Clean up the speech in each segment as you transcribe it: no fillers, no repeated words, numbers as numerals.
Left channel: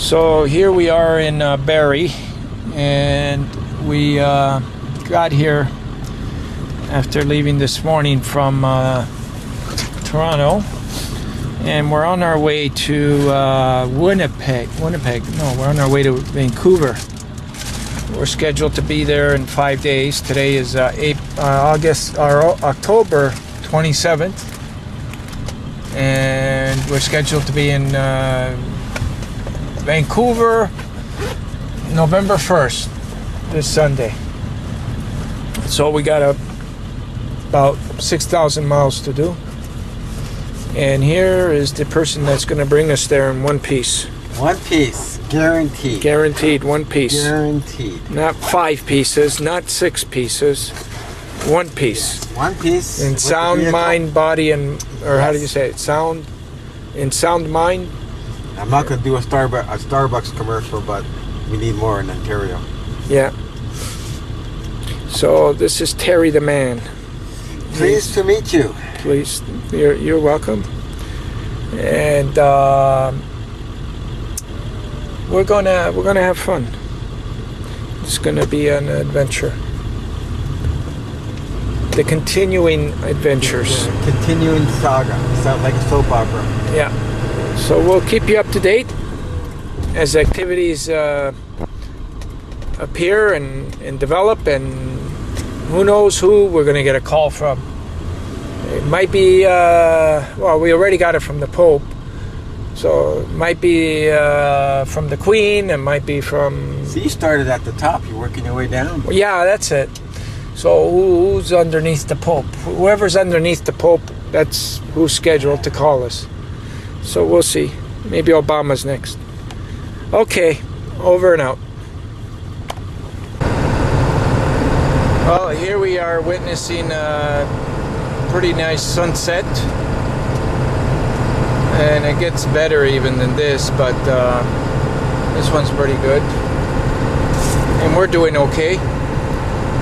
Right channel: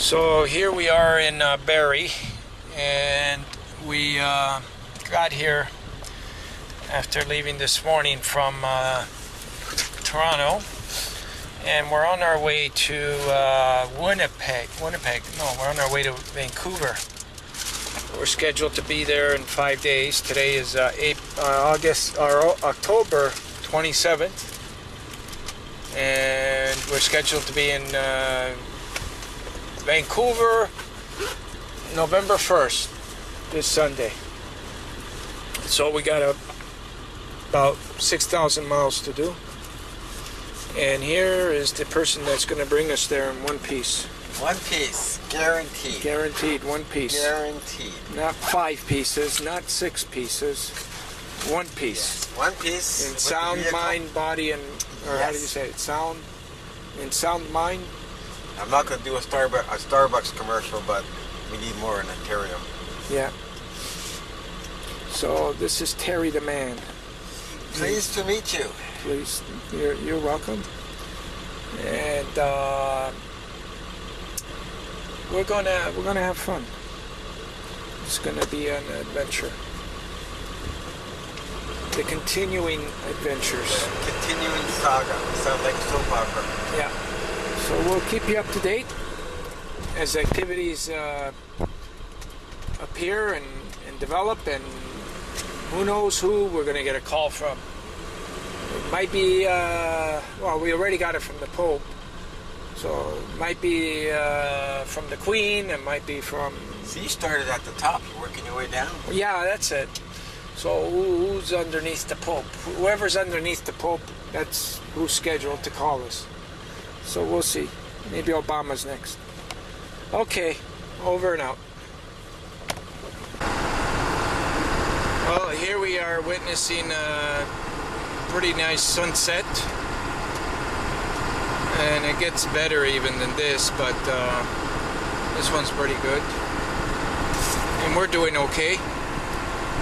So here we are in Barrie, and we got here after leaving this morning from Toronto, and we're on our way to Winnipeg. No, we're on our way to Vancouver. We're scheduled to be there in 5 days. Today is October 27th, and we're scheduled to be in Vancouver November 1st, this Sunday. So we got about 6,000 miles to do. And here is the person that's going to bring us there in one piece. One piece, guaranteed. Guaranteed, one piece. Guaranteed. Not 5 pieces, not 6 pieces. One piece. Yes, one piece. In sound, mind, body, and how do you say it? Sound, mind. I'm not going to do a Starbucks commercial, but we need more in Ontario. Yeah. So this is Terry the man. Pleased to meet you. Please, you're welcome. And we're gonna have fun. It's gonna be an adventure. The continuing adventures. Continuing saga. Sounds like a soap opera. Yeah. So we'll keep you up to date as activities appear and develop, and who knows who we're going to get a call from. It might be, well, we already got it from the Pope, so it might be from the Queen, it might be from... So you started at the top, you're working your way down. Yeah, that's it. So who's underneath the Pope? Whoever's underneath the Pope, that's who's scheduled to call us. So we'll see. Maybe Obama's next. Okay, over and out. Well, here we are witnessing a pretty nice sunset. And it gets better even than this, but this one's pretty good. And we're doing okay.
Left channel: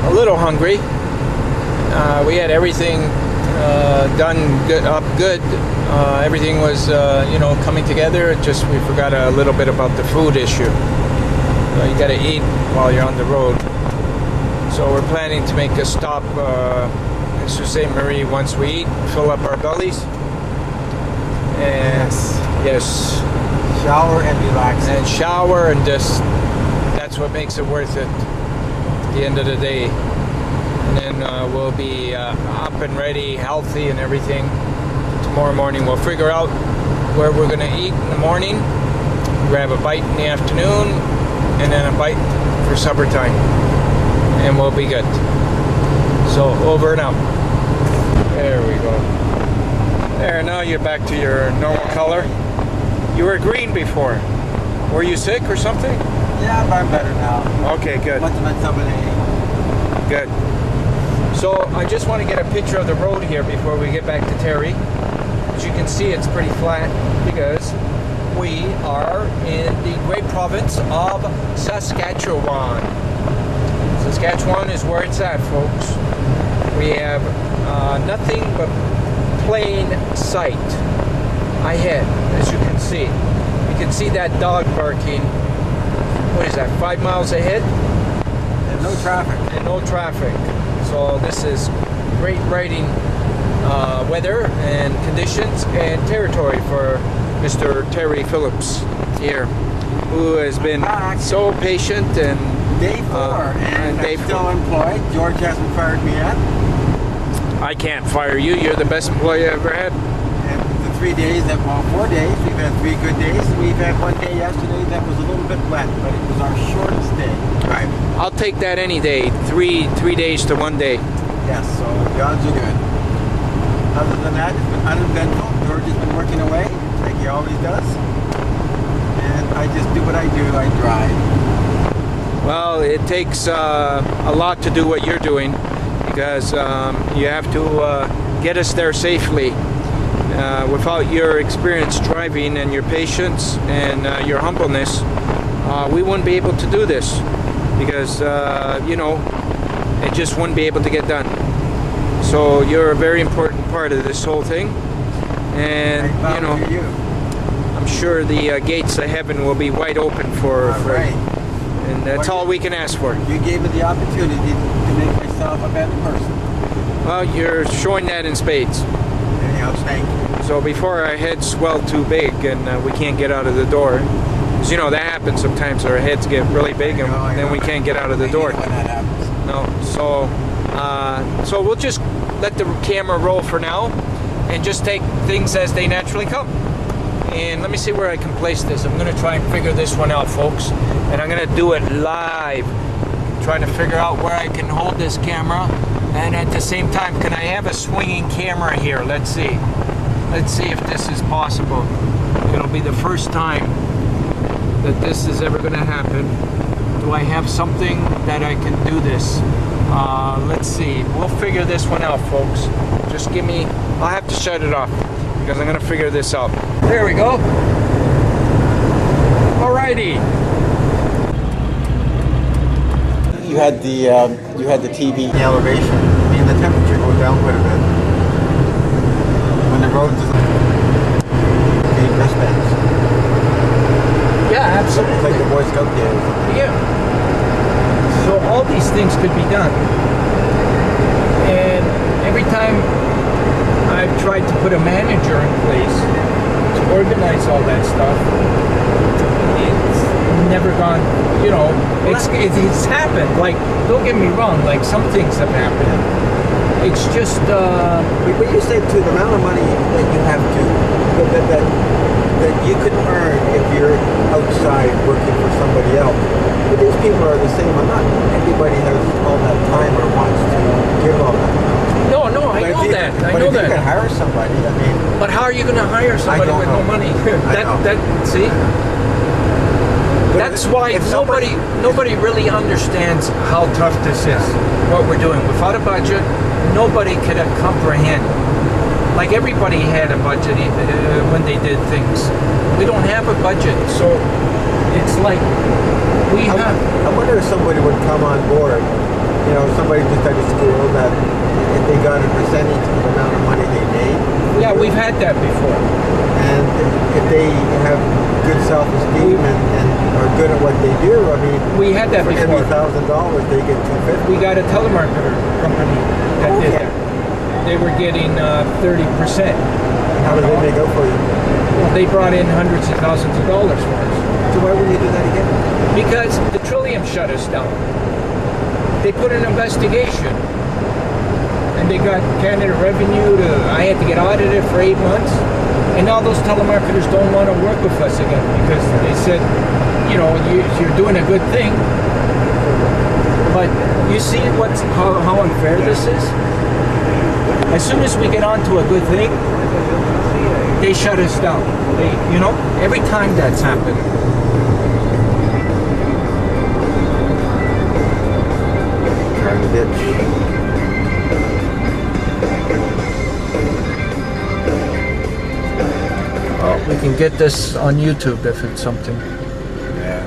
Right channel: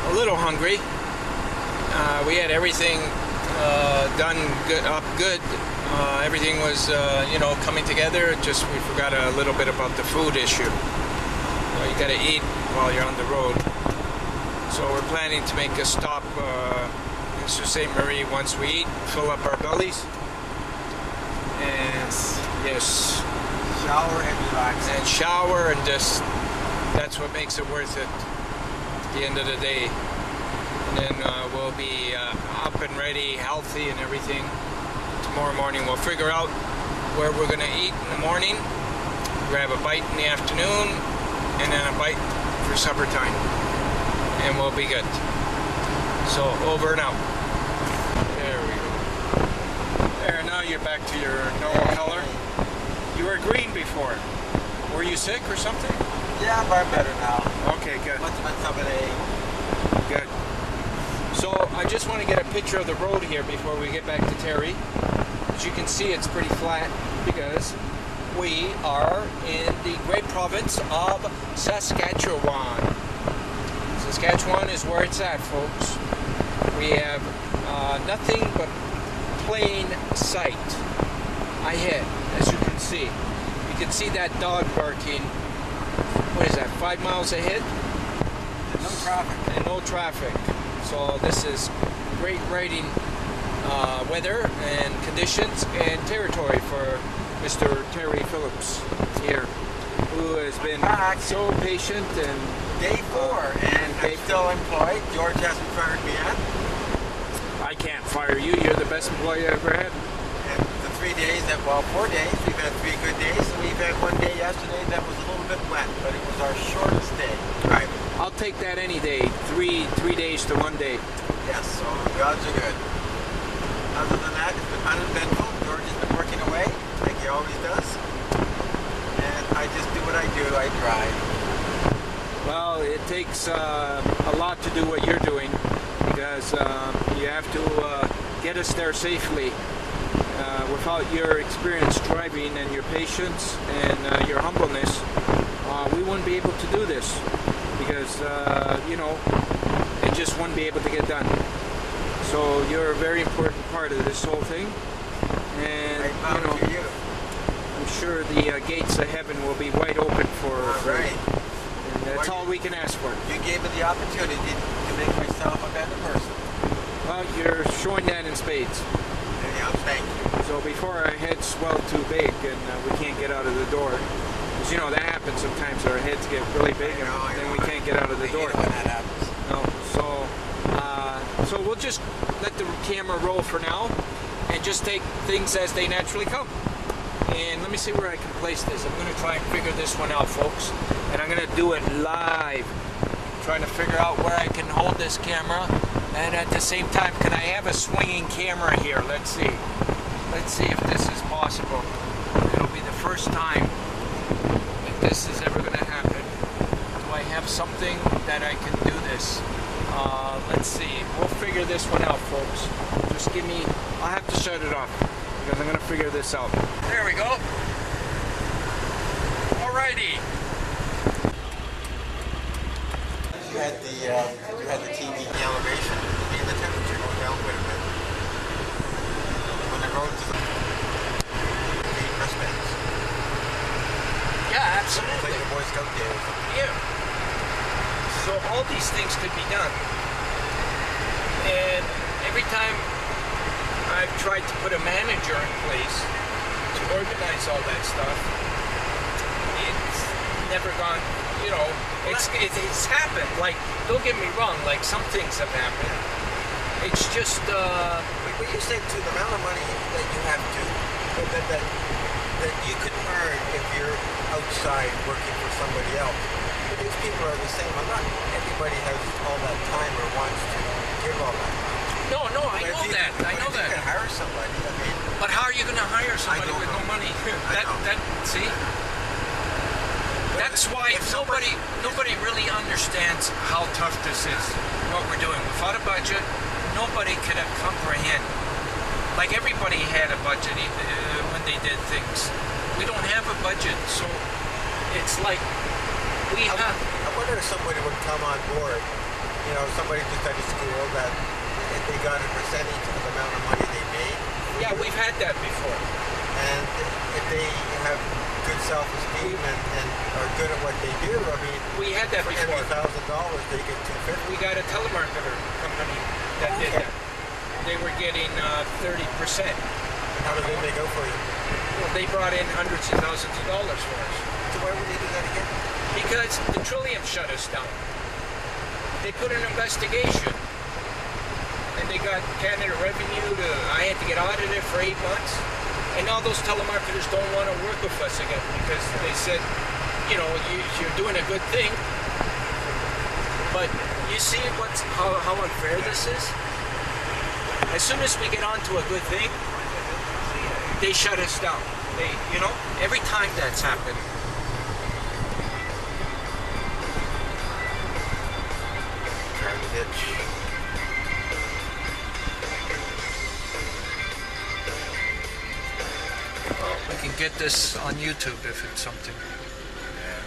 A little hungry. We had everything done good. Everything was, coming together. Just we forgot a little bit about the food issue. You got to eat while you're on the road. So we're planning to make a stop in Sault Ste. Marie once we eat, fill up our bellies, and yes, shower and relax. And shower, and just that's what makes it worth it at the end of the day. And then we'll be up and ready, healthy and everything. Tomorrow morning we'll figure out where we're going to eat in the morning, grab a bite in the afternoon, and then a bite for supper time, and we'll be good. So over and out. There we go. There, now you're back to your normal color. You were green before. Were you sick or something? Yeah, but I'm better now. Okay, good. Good. So I just want to get a picture of the road here before we get back to Terry. As you can see, it's pretty flat because we are in the great province of Saskatchewan. Saskatchewan is where it's at, folks. We have nothing but plain sight ahead, as you can see. You can see that dog barking. What is that, 5 miles ahead? And no traffic. And no traffic. So this is great riding weather and conditions and territory for Mr. Terry Phillips here, who has been so patient. And day 4, and I'm still employed. George hasn't fired me yet. I can't fire you. You're the best employee I ever had. And the 4 days, we've had 3 good days. We've had 1 day yesterday that was a little bit wet, but it was our shortest day driving. I'll take that any day. 3 days to 1 day. Yes, so God's are good. Other than that, it's been uneventful. George has been working away, like he always does. And I just do what I do. I drive. Well, it takes a lot to do what you're doing, because you have to get us there safely. Without your experience driving and your patience and your humbleness, we wouldn't be able to do this, because it just wouldn't be able to get done. So you're a very important part of this whole thing, and you. I'm sure the gates of heaven will be wide open for. All right. And that's all we can ask for. You gave me the opportunity to make myself a better person. Well, you're showing that in spades. Anyhow, thank you. So before our heads swell too big and we can't get out of the door, 'cause, you know, that happens sometimes. Our heads get really big and then we can't get out of the door. When that happens. No, so we'll just let the camera roll for now and just take things as they naturally come. And let me see where I can place this. I'm going to try and figure this one out, folks. And I'm going to do it live. Trying to figure out where I can hold this camera. And at the same time, can I have a swinging camera here? Let's see. Let's see if this is possible. It'll be the first time that this is ever going to happen. Do I have something that I can do this? Let's see. We'll figure this one out, folks. Just give me... I'll have to shut it off because I'm going to figure this out. There we go. Alrighty. You had the TV elevation and the temperature go down quite a bit. When the road is the wristbands. Yeah, absolutely. It's like the Boy Scout day or something. Yeah. So all these things could be done. And every time I've tried to put a manager in place to organize all that stuff, it's never gone, you know, it's happened. Like, don't get me wrong, like some things have happened. It's just, But you said too, the amount of money that you have to, that you could earn if you're outside working for somebody else. But these people are the same. Not everybody has all that time or wants to give all that. no, I know that. I know But if you that. can hire somebody, I mean... But how are you going to hire somebody with no money? See? That's why nobody really understands how tough this is, what we're doing. Without a budget, nobody could comprehend. Like everybody had a budget when they did things. We don't have a budget, so it's like we have... I wonder if somebody would come on board, you know, somebody just out of school that if they got a percentage of the amount of money they made. Yeah, we've had that before. And if they have good self-esteem and are good at what they do, I mean, we had that for before. every $1,000 they get $250. We got a telemarketer company that did that. They were getting 30%. How did they make out for you? Well, they brought in hundreds of thousands of dollars for us. So why wouldn't you do that again? Because the Trillium shut us down. They put an investigation. And they got Canada Revenue to... I had to get audited for 8 months. And now those telemarketers don't want to work with us again because they said, you know, you're doing a good thing. But you see how unfair this is? As soon as we get onto a good thing, they shut us down. You know, every time that's happened. Trying to ditch. Well, we can get this on YouTube if it's something. Yeah.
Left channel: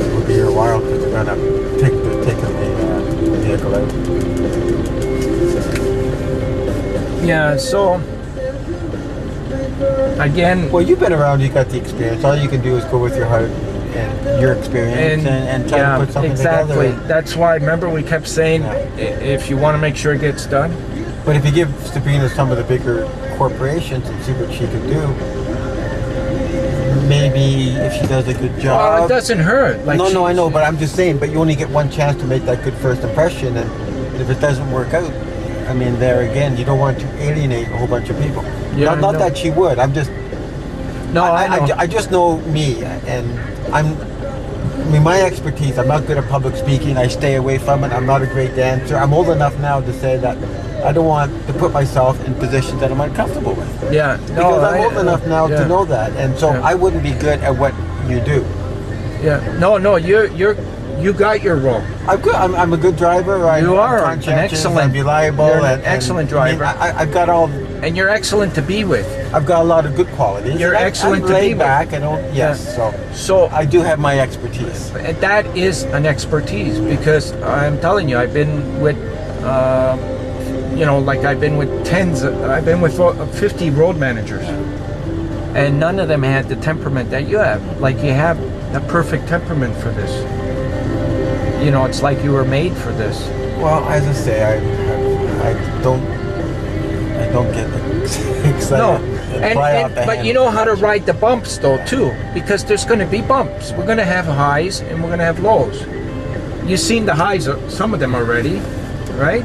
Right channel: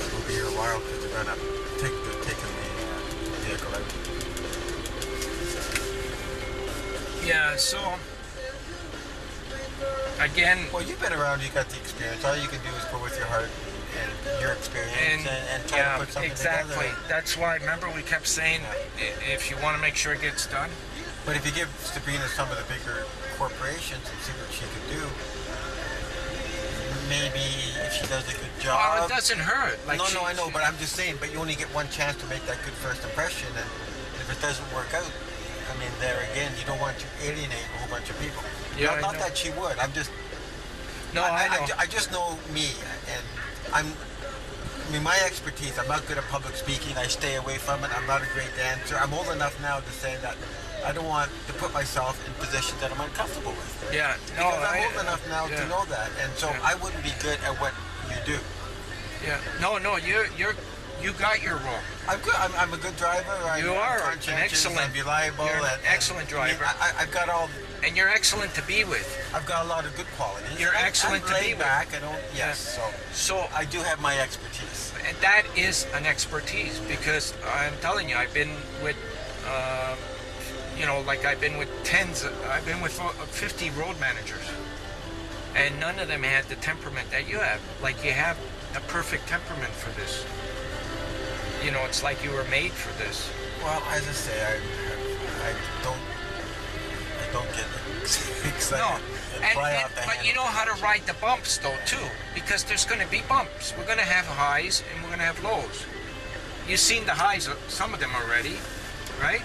It'll be here a while because they're gonna taking the vehicle out. Yeah, so again, Well, you've been around, you got the experience. All you can do is go with your heart and your experience and try to put something together. That's why, remember, we kept saying, if you want to make sure it gets done. But if you give Sabrina some of the bigger corporations and see what she can do, maybe if she does a good job. Well, it doesn't hurt. Like no, I know, but I'm just saying, but you only get one chance to make that good first impression, and if it doesn't work out, I mean, there again, you don't want to alienate a whole bunch of people. Yeah, not that she would. I'm just... No, I just know me, and I mean, my expertise, I'm not good at public speaking. I stay away from it. I'm not a great dancer. I'm old enough now to say that I don't want to put myself in positions that I'm uncomfortable with. Yeah. Because I'm old enough now to know that. And so I wouldn't be good at what you do. Yeah. No, you're You got your role. I'm a good driver. You are I'm an excellent, I'm reliable. You're an excellent driver. I've got all. And you're excellent to be with. I've got a lot of good qualities. You're excellent to be laid with. back. I don't. Yes. So I do have my expertise. And that is an expertise, because I'm telling you, I've been with, you know, like I've been with I've been with 50 road managers, and none of them had the temperament that you have. Like, you have the perfect temperament for this. You know, it's like you were made for this. Well, as I say, I don't get excited. No, and but you know how to ride the bumps though too, because there's going to be bumps. We're going to have highs and we're going to have lows. You've seen the highs, some of them already, right?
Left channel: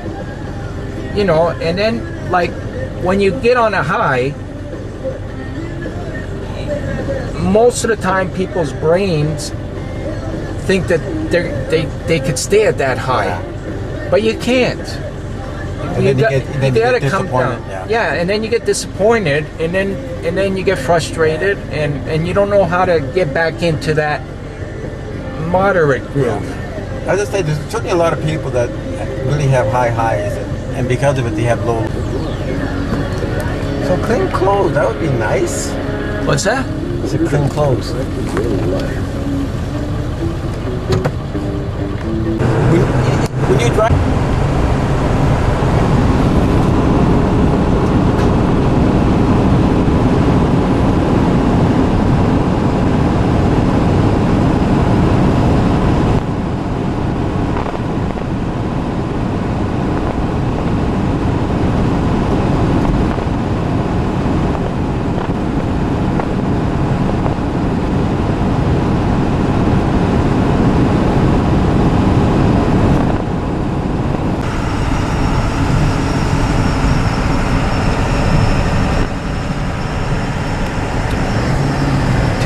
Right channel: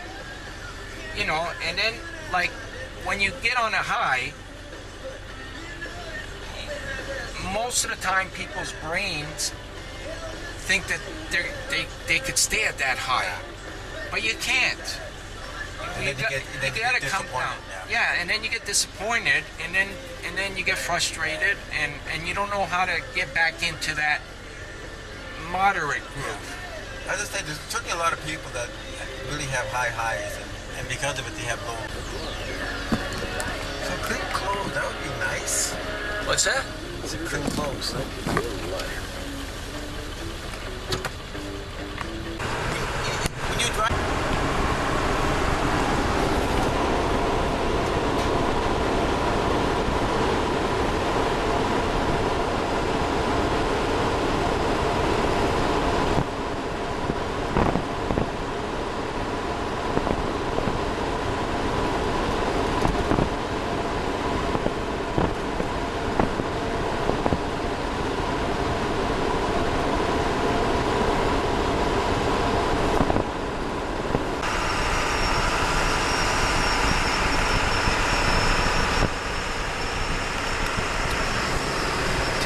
You know, and then like when you get on a high, most of the time people's brains think that they could stay at that high, but you can't. You gotta come down. Yeah, and then you get disappointed, and then you get frustrated, and you don't know how to get back into that moderate groove. Yeah. As I say, there's certainly a lot of people that really have high highs, and because of it, they have low. So clean clothes, that would be nice. What's that? It's a clean clothes. When you drive.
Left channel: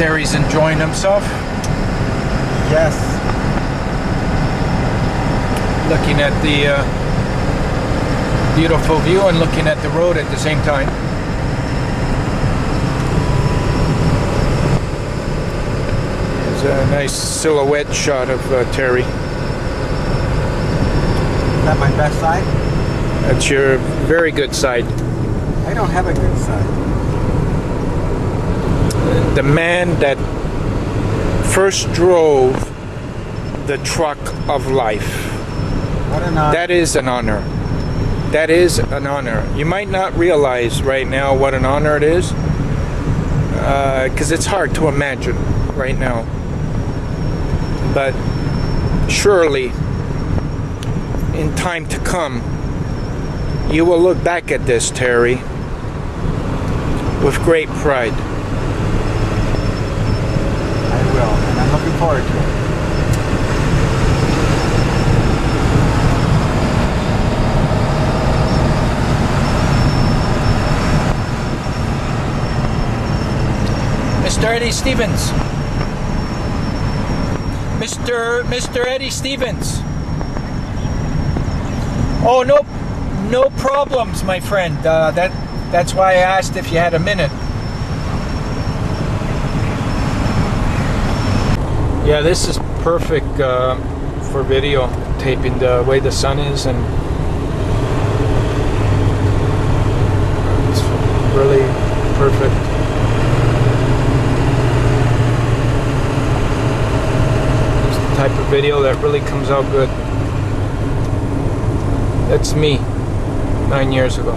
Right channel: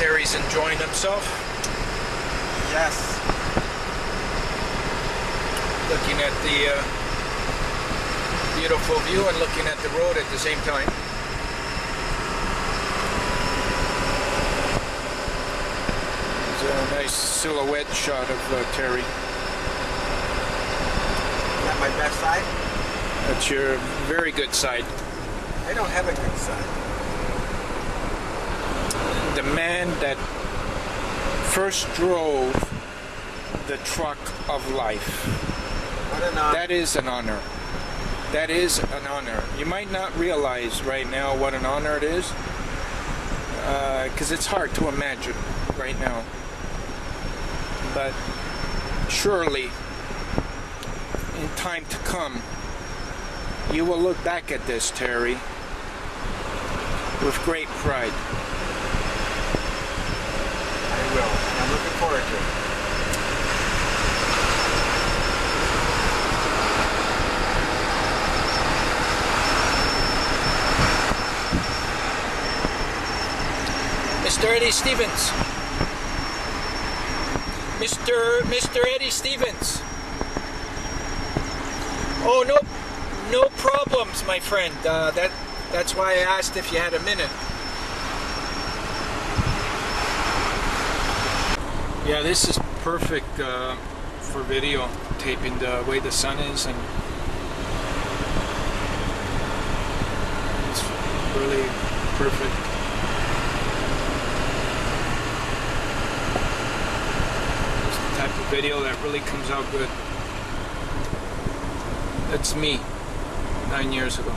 Terry's enjoying himself. Yes. Looking at the beautiful view and looking at the road at the same time. There's a nice silhouette shot of Terry. Is that my best side? That's your very good side. I don't have a good side. The man that first drove the truck of life. What an honor. That is an honor. That is an honor. You might not realize right now what an honor it is, because it's hard to imagine right now. But surely, in time to come, you will look back at this, Terry, with great pride. I will, and I'm looking forward to it. Mr. Eddie Stevens. Mr. Eddie Stevens. Oh, no problems, my friend. That's why I asked if you had a minute. Yeah, this is perfect for video taping, the way the sun is, and it's really perfect. It's the type of video that really comes out good. That's me 9 years ago.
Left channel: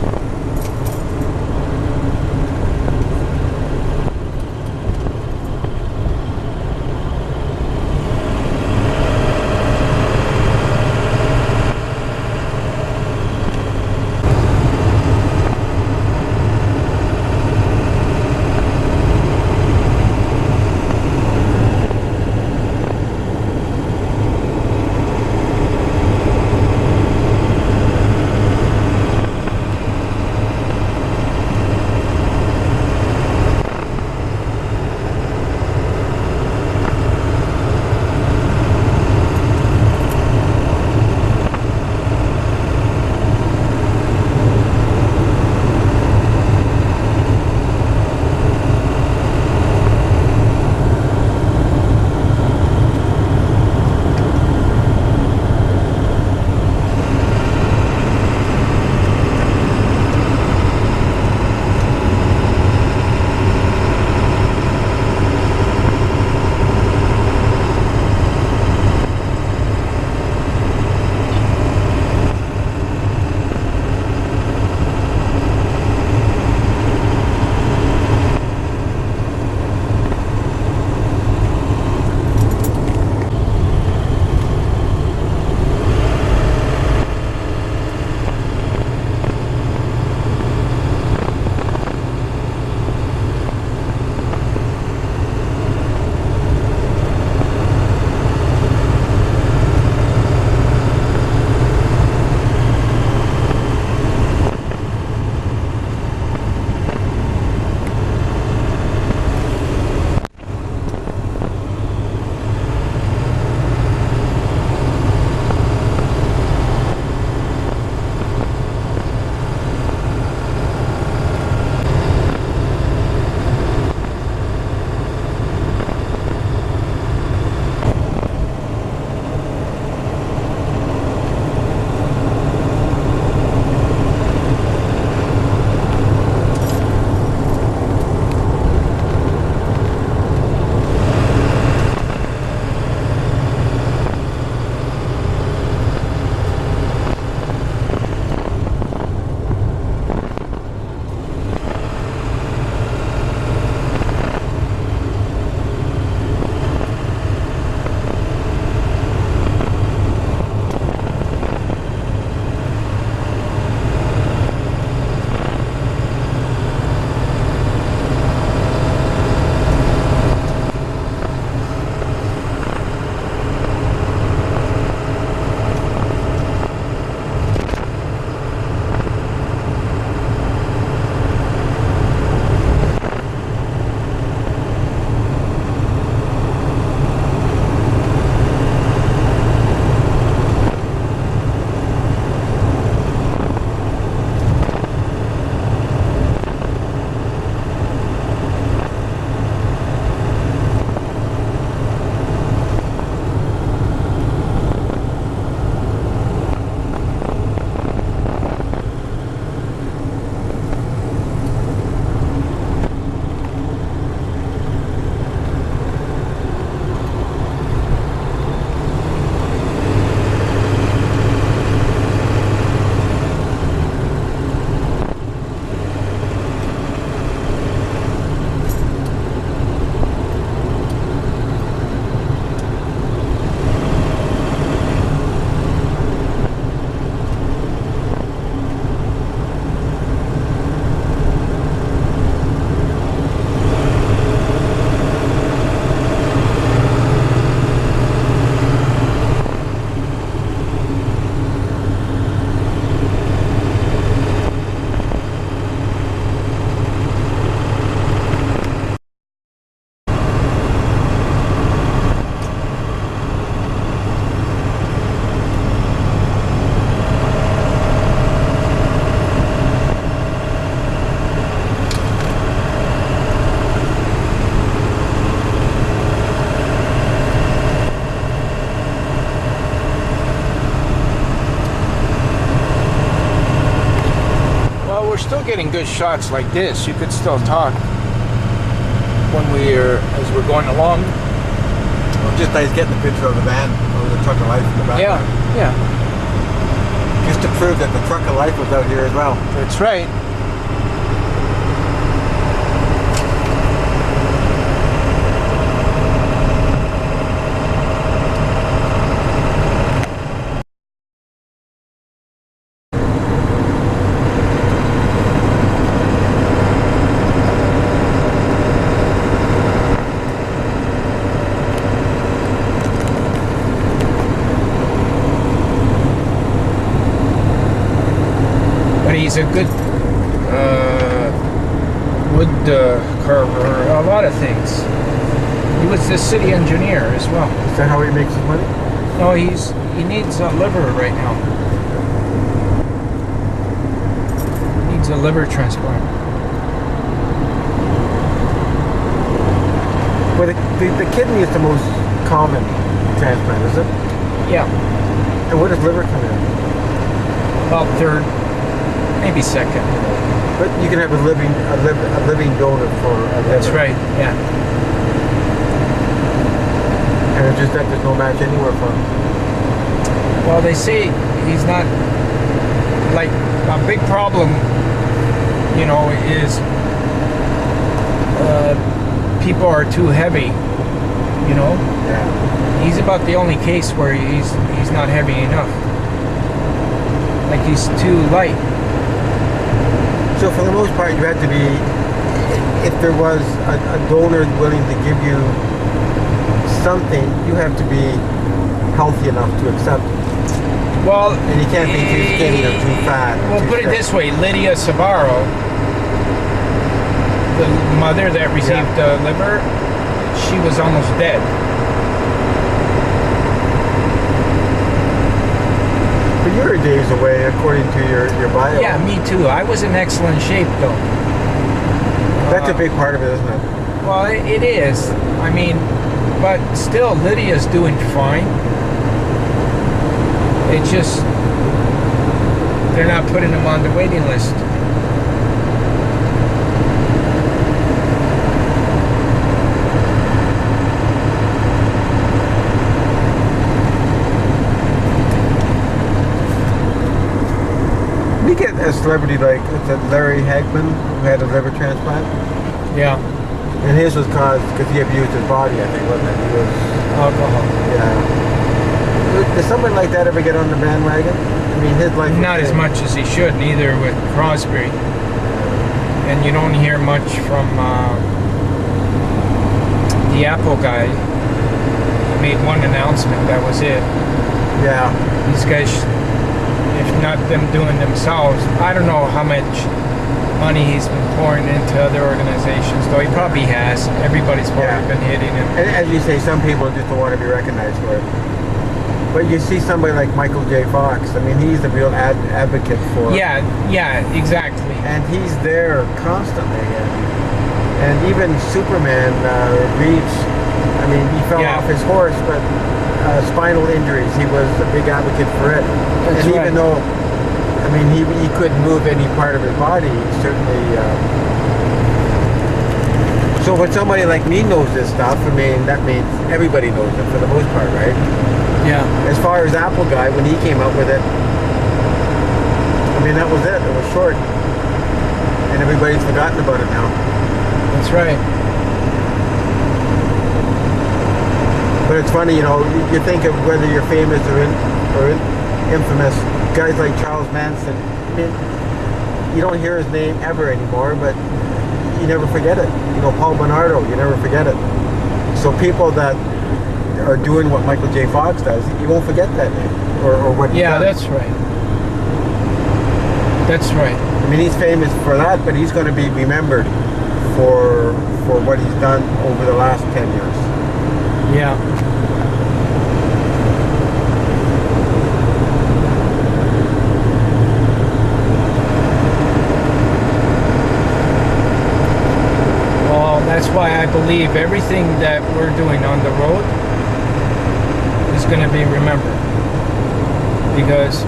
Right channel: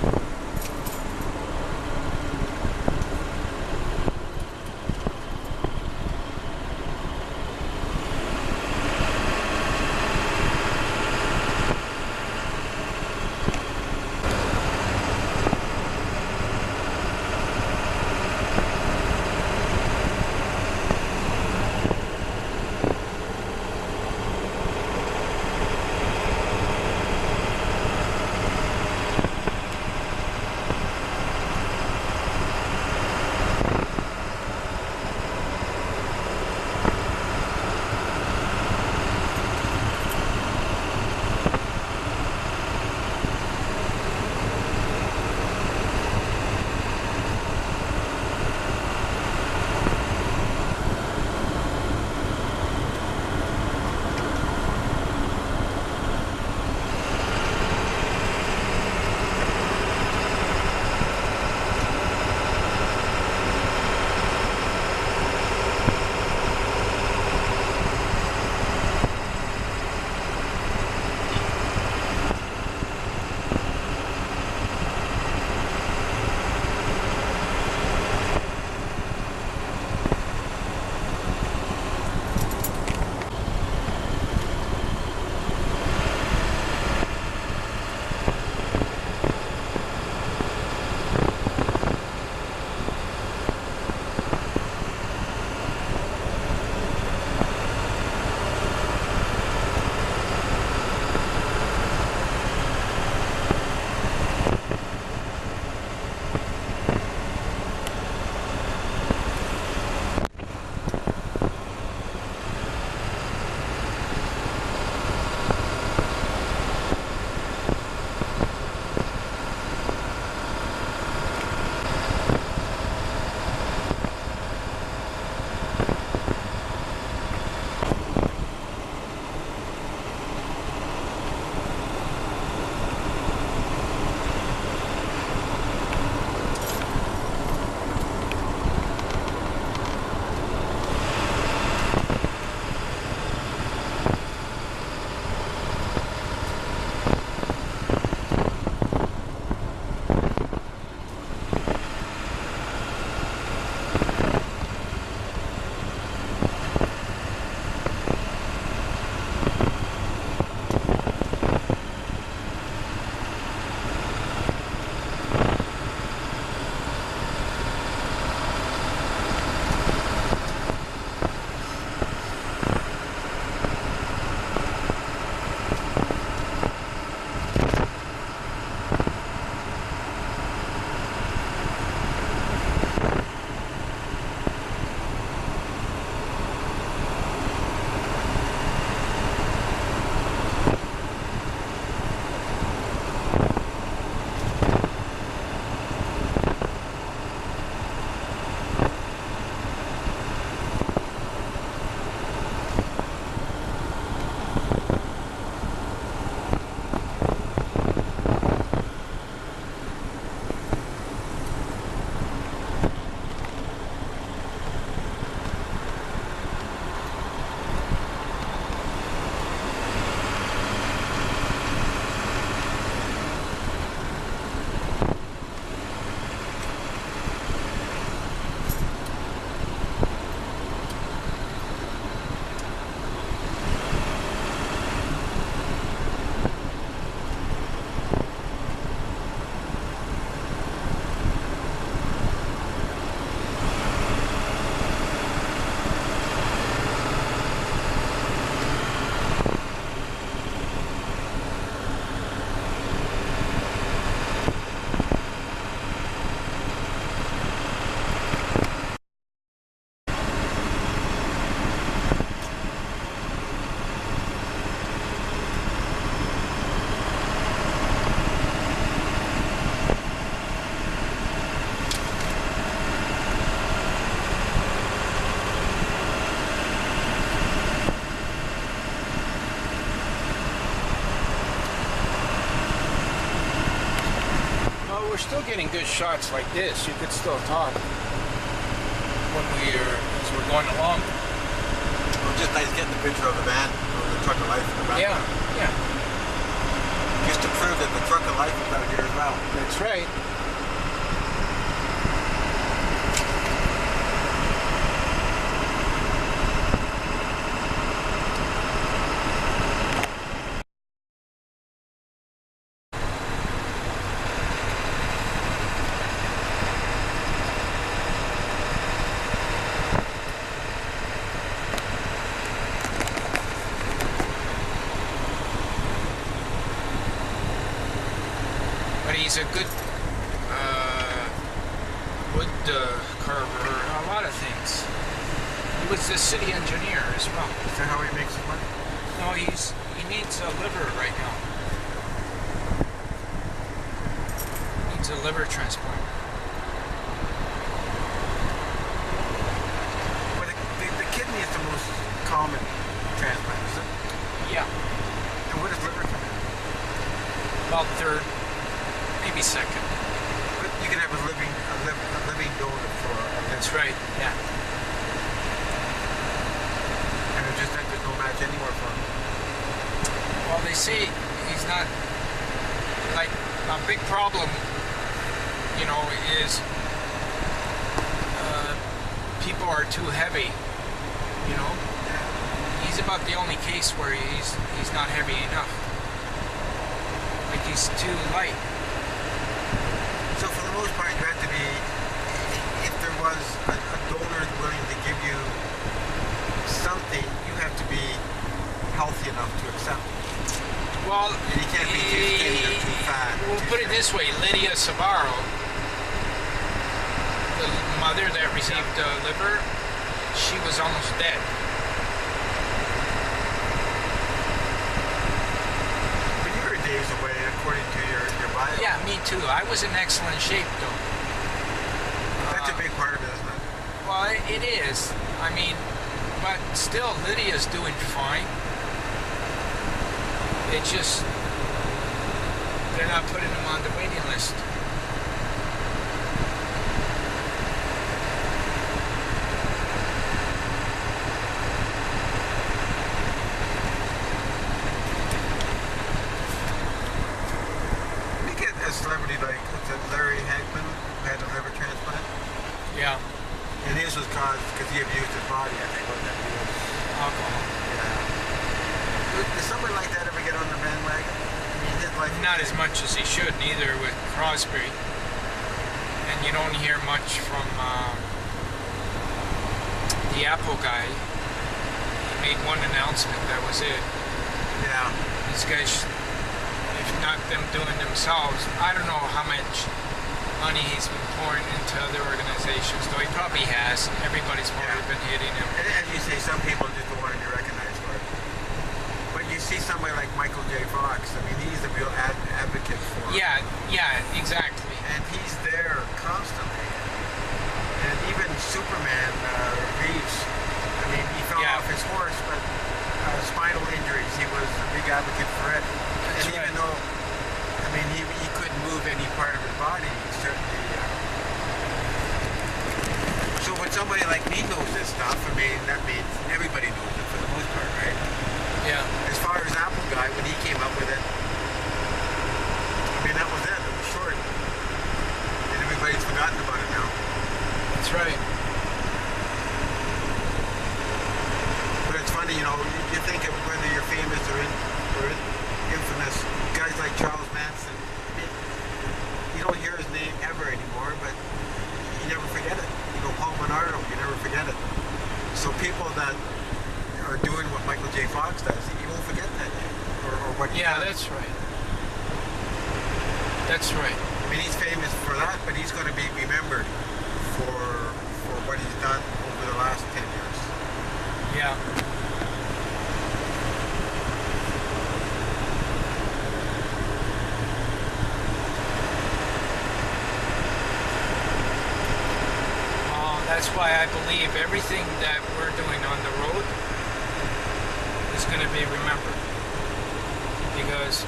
getting good shots like this. You could still talk when as we're going along. Well, just nice getting the picture of the van, or the truck of life in the back. Yeah. Just to prove that the truck of life was out here as well. That's right. He's a good wood carver, a lot of things. He was the city engineer as well. Is that how he makes his money? No, he needs a liver right now. He needs a liver transplant. Well, the kidney is the most common transplant, is it? Yeah. And where does liver come in? About third. Maybe second. But you can have a living donor for a liver. That's right, yeah. And it's just that there's no match anywhere for him. Well, they say he's not, like, a big problem, you know, is people are too heavy, you know? Yeah. He's about the only case where he's not heavy enough. Like, he's too light. So for the most part, you had to be, if there was a donor willing to give you something, you have to be healthy enough to accept it. Well, and you can't be too skinny or too fat. Well, put it this way, Lydia Sabaro, the mother that received the liver, she was almost dead. But you're a days away, according to your bio. Yeah, me too. I was in excellent shape, though. That's a big part of it, isn't it? Well, it is. I mean, but still, Lydia's doing fine. It's just, they're not putting them on the waiting list. You get a celebrity like Larry Hagman, who had a liver transplant. Yeah. And his was caused because he abused his body, I think, wasn't it? He was, alcohol. Yeah. Does someone like that ever get on the bandwagon? I mean, his life. Not as much as he should, neither with Crosby. And you don't hear much from the Apple guy. He made one announcement, that was it. Yeah. These guys, if not them doing themselves, I don't know how much money he's been pouring into other organizations, though he probably has. Everybody's probably been hitting him. And as you say, some people just don't want to be recognized for it. But you see somebody like Michael J. Fox, I mean, he's a real advocate for it. Yeah, exactly. And he's there constantly. And even Superman, Reeves, I mean, he fell off his horse, but spinal injuries, he was a big advocate for it. That's and right. even though, I mean, he couldn't move any part of his body, he certainly... So when somebody like me knows this stuff, I mean, that means everybody knows it for the most part, right? Yeah. As far as Apple guy, when he came out with it, I mean, that was it. It was short. And everybody's forgotten about it now. That's right. But it's funny, you know, you think of whether you're famous or infamous, guys like Charles Manson, I mean, you don't hear his name ever anymore, but you never forget it. You know, Paul Bernardo, you never forget it. So people that are doing what Michael J. Fox does, you won't forget that name or what he does. Yeah, that's right. That's right. I mean, he's famous for that, but he's going to be remembered for what he's done over the last 10 years. Yeah. Well, that's why I believe everything that we're doing on the road is going to be remembered. Because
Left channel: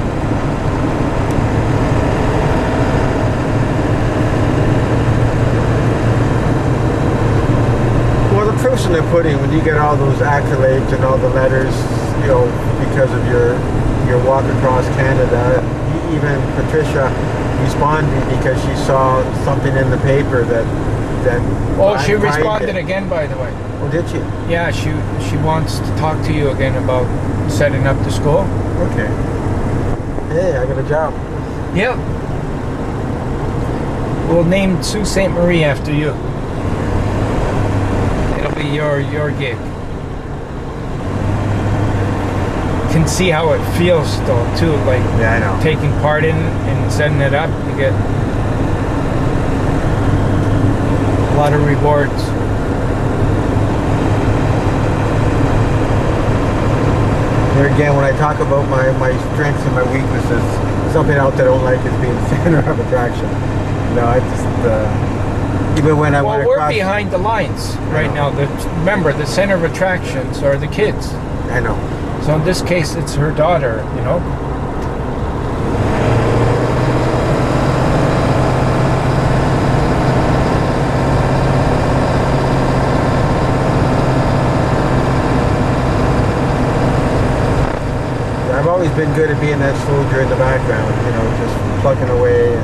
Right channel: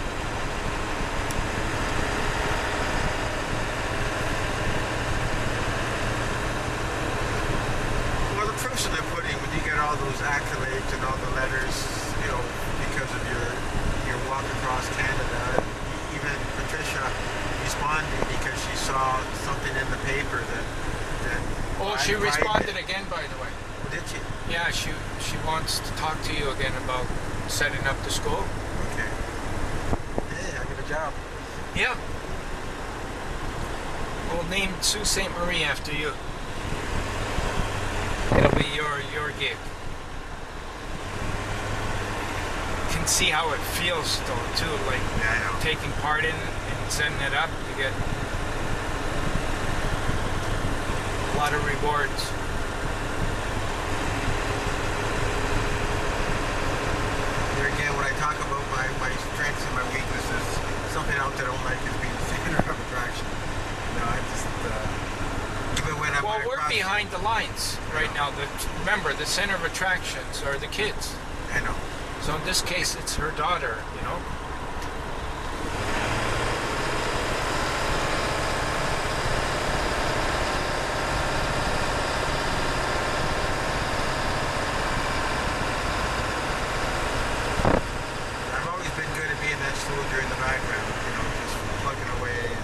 proof's in the pudding when you get all those accolades and all the letters, you know, because of your walk across Canada. Even Patricia responded because she saw something in the paper that. Oh, she responded again, by the way. Oh, did she? Yeah, she wants to talk to you again about setting up the school. Okay. Hey, I got a job. Yep. We'll name Sault Ste. Marie after you. It'll be your gig. You can see how it feels though too, like yeah, I know. Taking part in and setting it up. You get a lot of rewards. There again, when I talk about my strengths and my weaknesses, something else I don't like is being the center of attraction. No, I just even when I went across. Well, we're behind the lines right now. Remember, the center of attractions are the kids. I know. So in this case, it's her daughter. You know. I've always been good at being that soldier in the background, you know, just plucking away.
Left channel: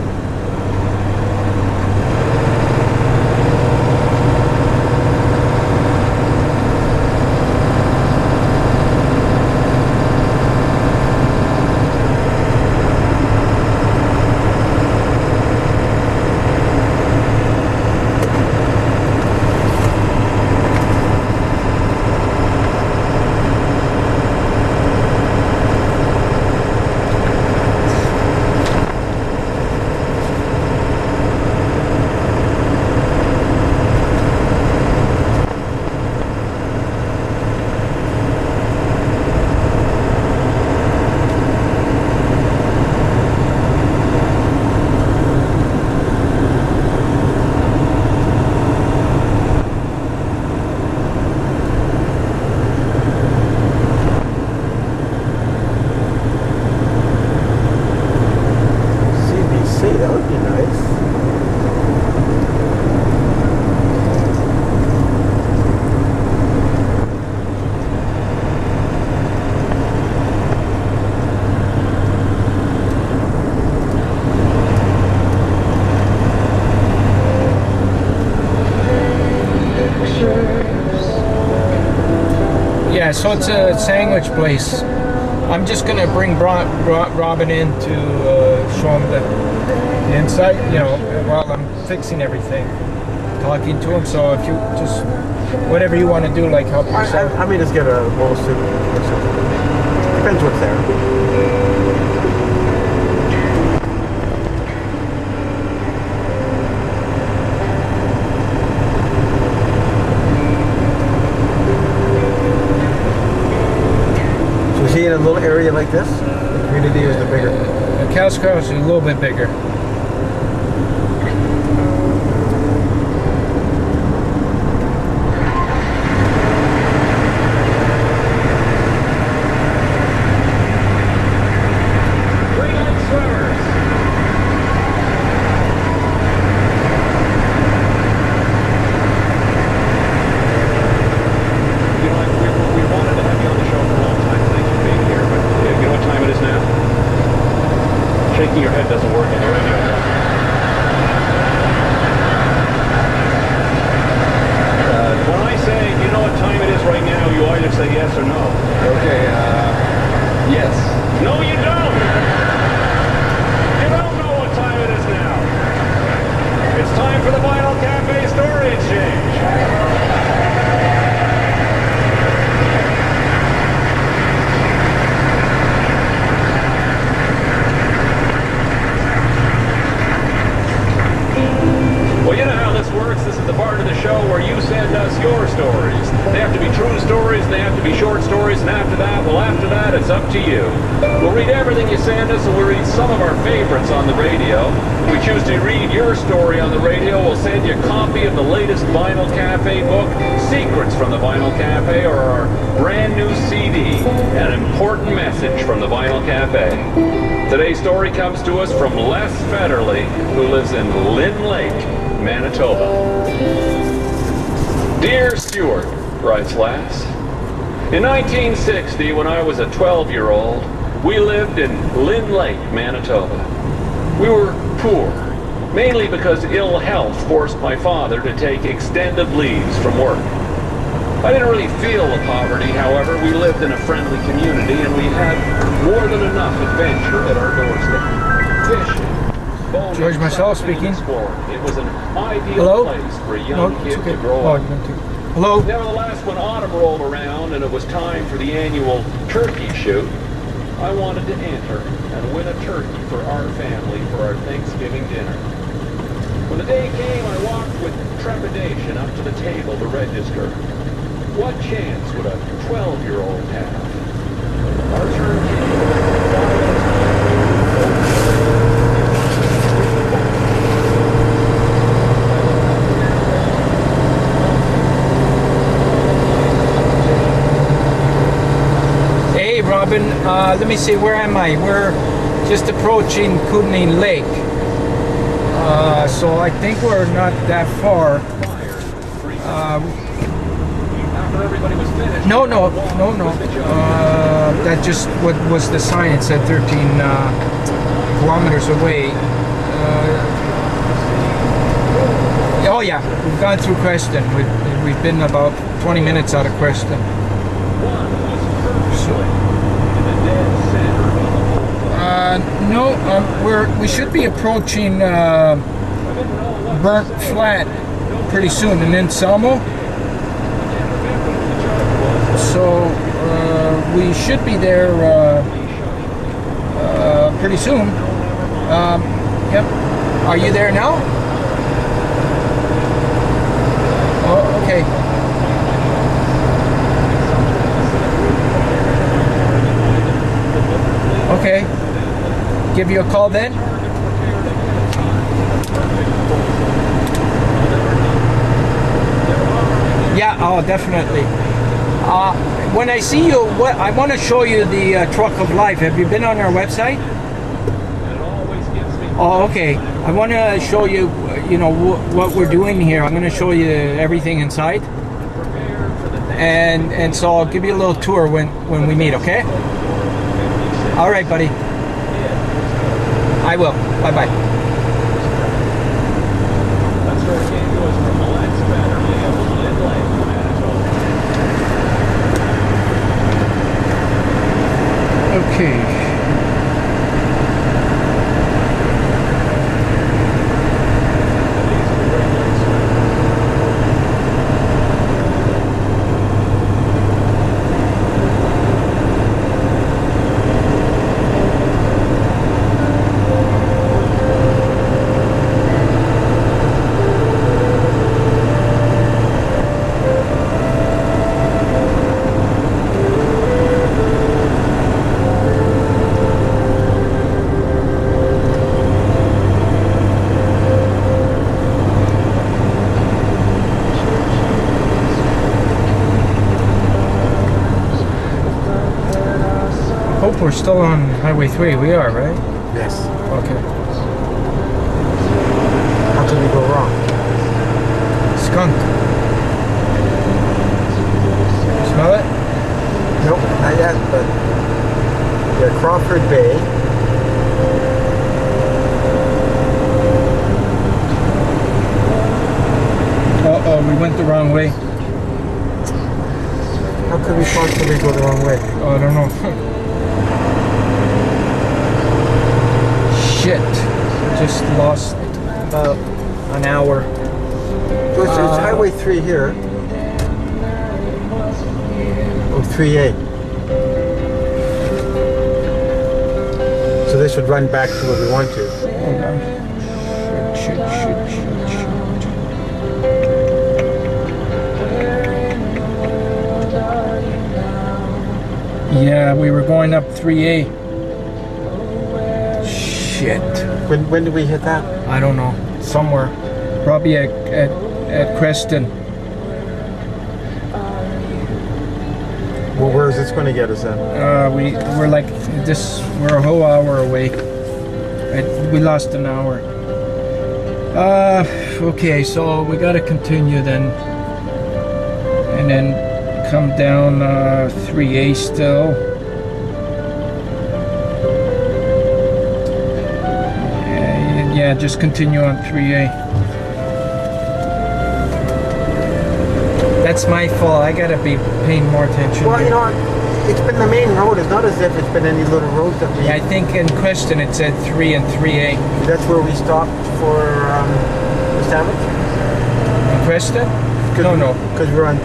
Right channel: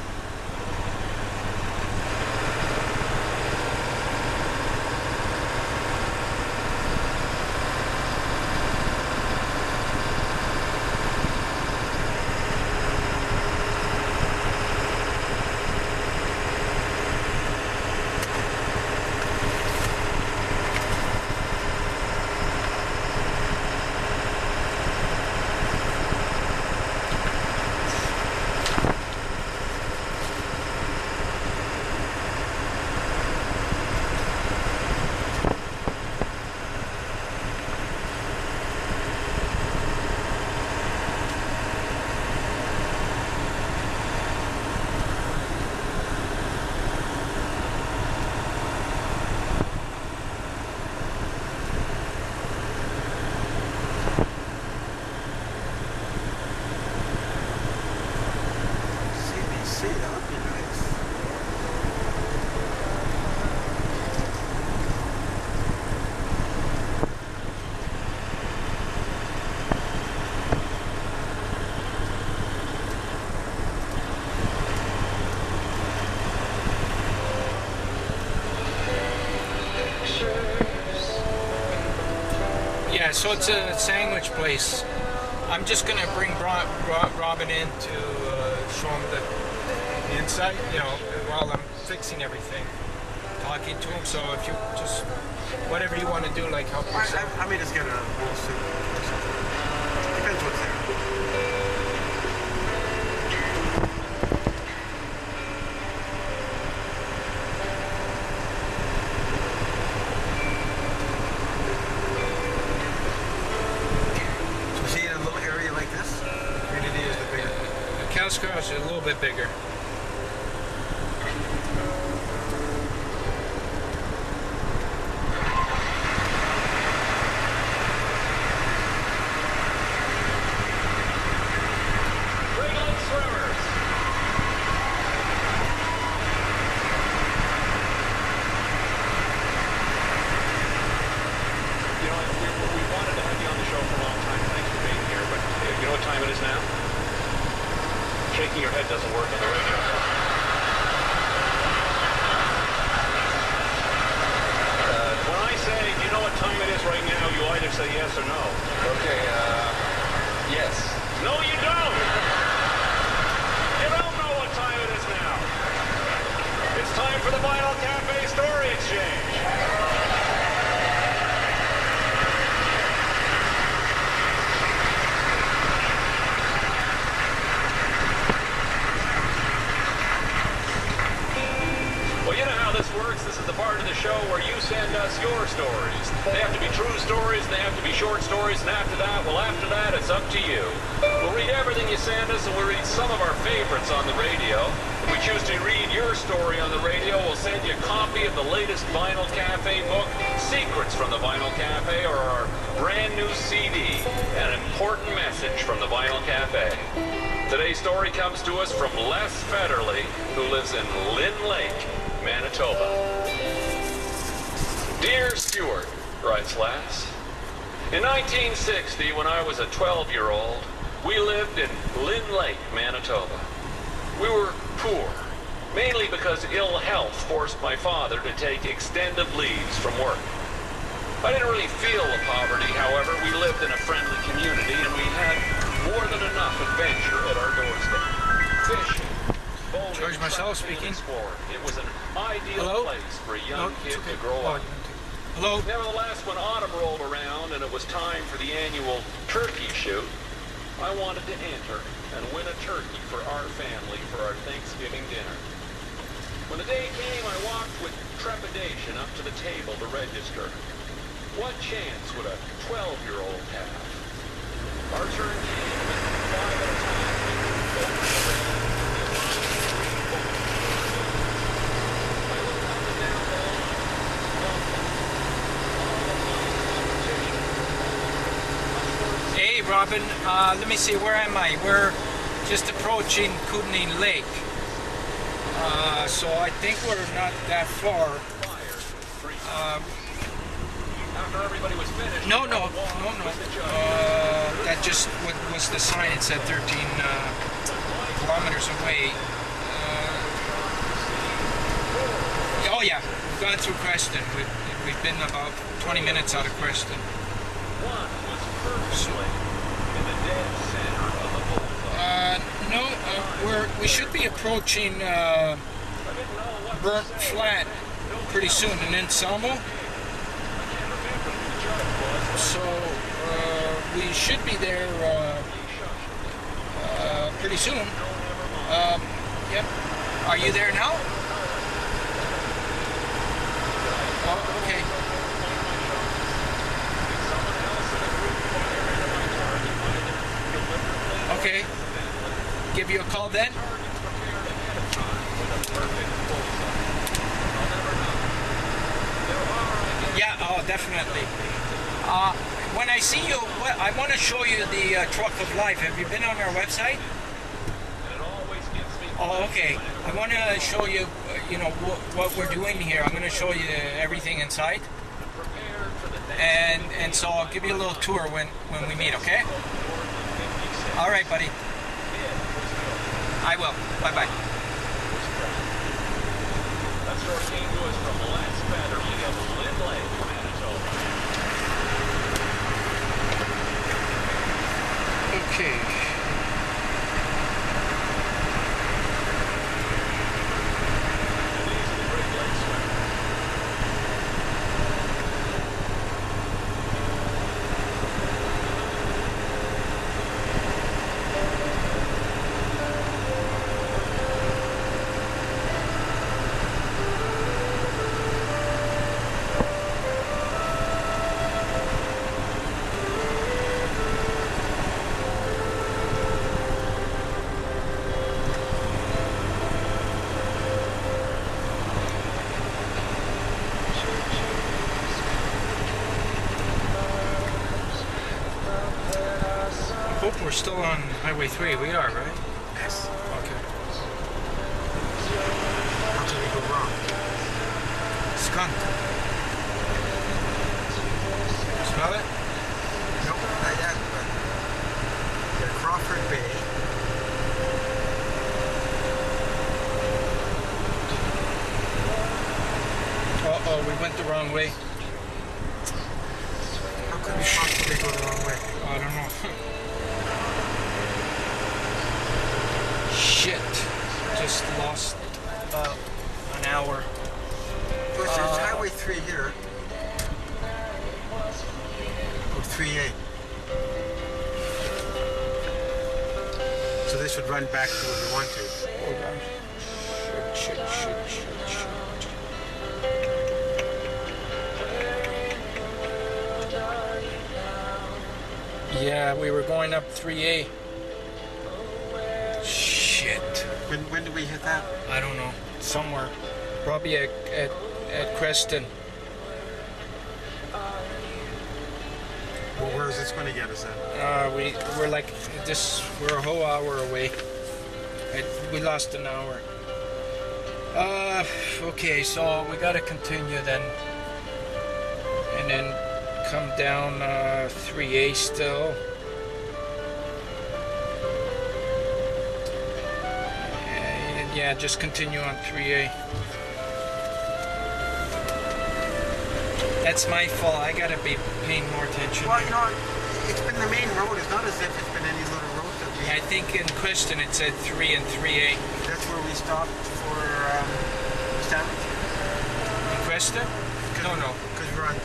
And that would be nice. Yeah, so it's a sandwich place. I'm just gonna bring Robin in to show him the inside, you know, while I'm fixing everything, talking to him. So if you just, whatever you want to do, like help yourself. I mean, just get a bowl of soup or something. Depends what's there. See, in a little area like this, the community is the bigger. The Casco is a little bit bigger. Shaking your head doesn't work on the radio. When I say, you know what time it is right now, you either say yes or no. Okay, yes. No, you don't! You don't know what time it is now. It's time for the Vinyl Cafe Story Exchange. Well, you know how this works. This is the part of the show where you send us your stories. They have to be true stories, and they have to be short stories, and after that, it's up to you. We'll read everything you send us, and we'll read some of our favorites on the radio. If we choose to read your story on the radio, we'll send you a copy of the latest Vinyl Cafe book, Secrets from the Vinyl Cafe, or our brand new CD, An Important Message from the Vinyl Cafe. Today's story comes to us from Les Federley, who lives in Lynn Lake, Manitoba. Dear Stuart, writes Lass. In 1960, when I was a 12-year-old, we lived in Lynn Lake, Manitoba. We were poor, mainly because ill health forced my father to take extended leaves from work. I didn't really feel the poverty, however. We lived in a friendly community and we had more than enough adventure at our doorstep. Fishing, bowling, George Marcello speaking. exploring. It was an ideal place for a young kid to grow up. Hello? Nevertheless, when autumn rolled around and it was time for the annual turkey shoot, I wanted to enter and win a turkey for our family for our Thanksgiving dinner. When the day came, I walked with trepidation up to the table to register. What chance would a 12-year-old have? Our turn came about 5 Hey, Robin, let me see, where am I? We're just approaching Kootenay Lake. So I think we're not that far. After everybody was finished, No. That just what was the sign. It said 13 kilometers away. Oh yeah, we've gone through Creston. We've been about 20 minutes out of Creston. No, we should be approaching Burnt Flat pretty soon, and then Selmo. So we should be there pretty soon. Yep. Are you there now? Oh, okay. Okay. Give you a call then? Yeah, oh, definitely. When I see you, I want to show you the Truck of Life. Have you been on our website? Oh, okay. I want to show you, what we're doing here. I'm going to show you everything inside. And so I'll give you a little tour when we meet, okay? All right, buddy. I will. Bye-bye. That's where it came to us from the last Saturday of Lynn Lake, Manitoba. Okay. We're still on Highway 3. We are, right? Yes. Okay. How could we go wrong? Skunk. Smell it? Nope, not yet, but yeah, Crawford Bay. Uh-oh, we went the wrong way. How could we possibly go the wrong way? Oh, I don't know. Shit. Just lost about an hour. So it's Highway 3 here. Oh, 3A. So this would run back to where we want to. Hold on. Shit. Yeah, we were going up 3A. Shit. When did we hit that? I don't know. Somewhere. Probably at Creston. Well, where is this going to get us then? We're like this. We're a whole hour away. We lost an hour. Okay, so we got to continue then, and then come down 3A still. Yeah, just continue on 3A. That's my fault. I gotta be paying more attention. Well, you know, it's been the main road. It's not as if it's been any little roads that we... Yeah, I think in question it said 3 and 3A. That's where we stopped for the sandwich? In question? No. Because we're on...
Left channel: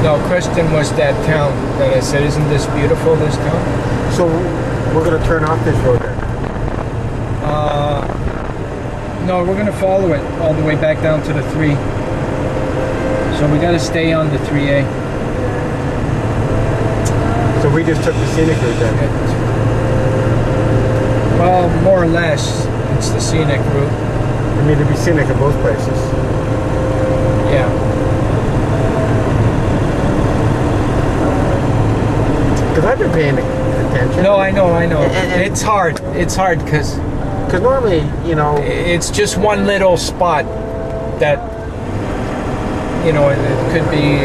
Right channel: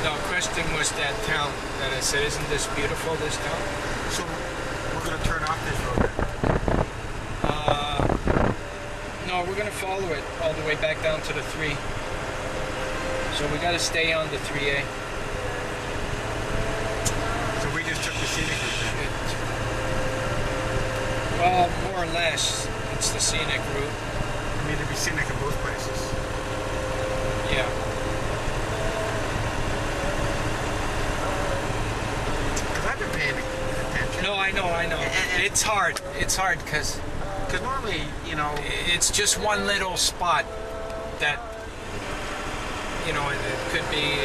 No, Creston was that town that I said, isn't this beautiful, this town? So we're going to turn off this road then? No, we're going to follow it all the way back down to the 3. So we got to stay on the 3A. So we just took the scenic route then? Well, more or less, it's the scenic route. I mean, to be scenic in both places. Yeah. Because I've been paying attention. No, I know. And It's hard because normally, you know... it's just one little spot that, you know, it could be...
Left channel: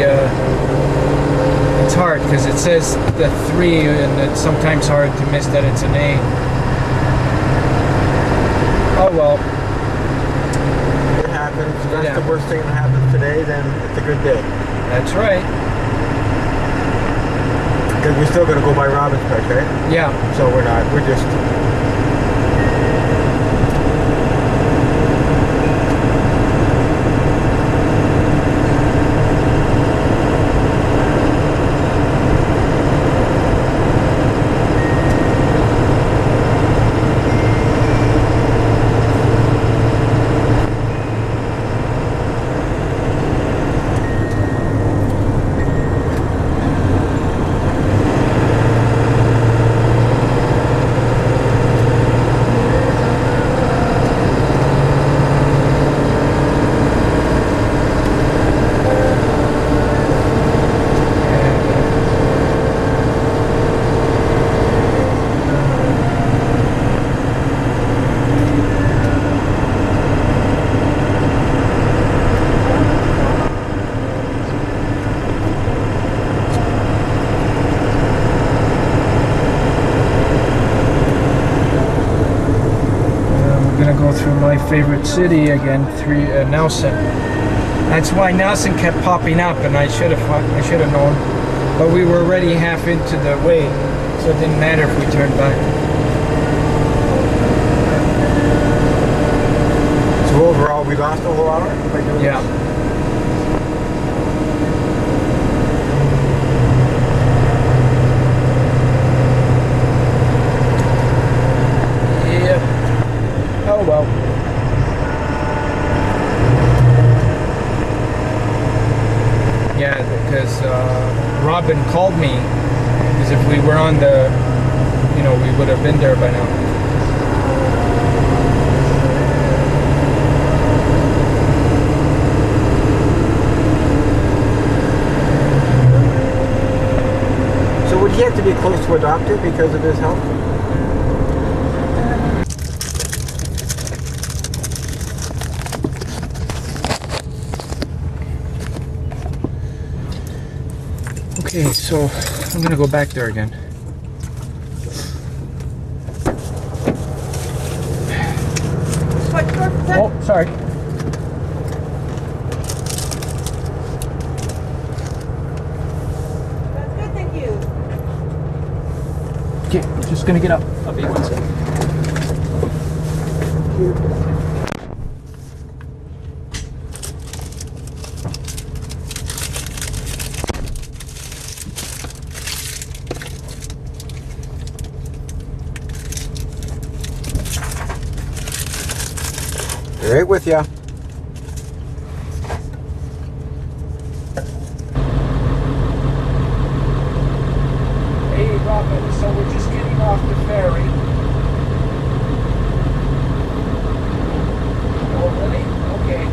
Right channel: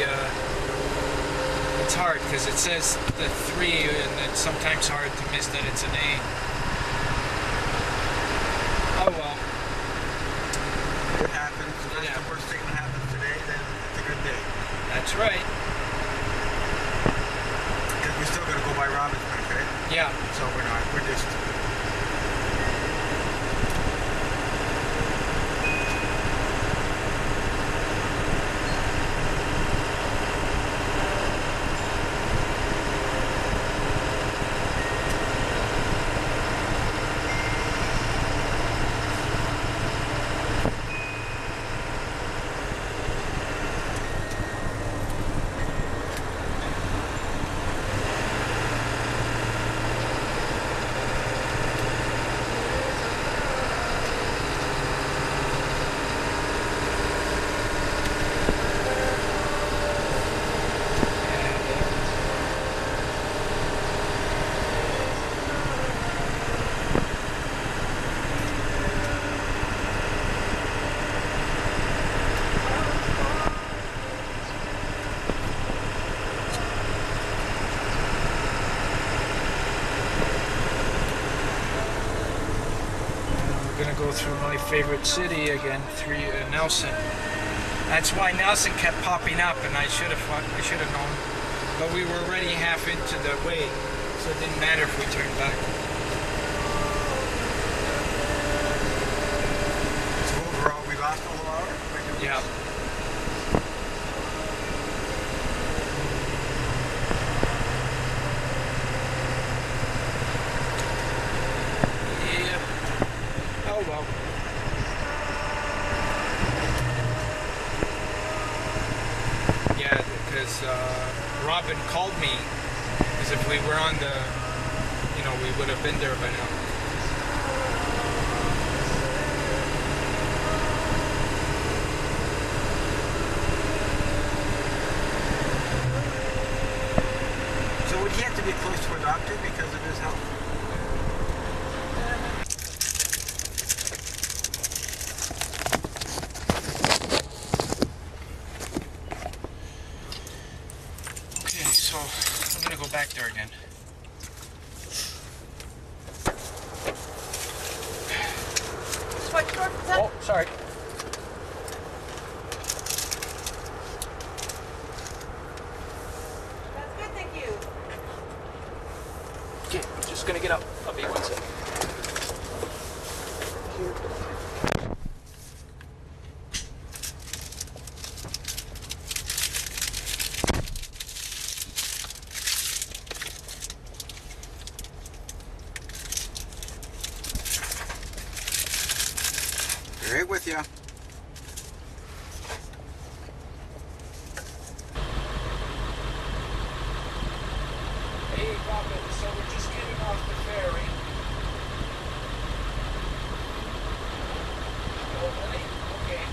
it's hard because it says the 3 and it's sometimes hard to miss that it's an A. Oh well. It happens. If that's the worst thing that happens today, then it's a good day. That's right. Because we're still going to go by Robbins Park, right? Yeah. So we're not. We're just... Through my favorite city again, Nelson. That's why Nelson kept popping up, and I should have known. But we were already half into the way, so it didn't matter if we turned back. So overall, we lost a whole hour by doing Yeah. this? Oh well. Yeah, because Robin called me, because if we were on the, you know, we would have been there by now. So would he have to be close to a doctor because of his health? Okay, so I'm gonna go back there again. Oh, sorry. That's good, thank you. Okay, I'm just gonna get up. I'll be 1 second. Right with ya. Hey, Robin, so we're just getting off the ferry. Oh, really? Okay.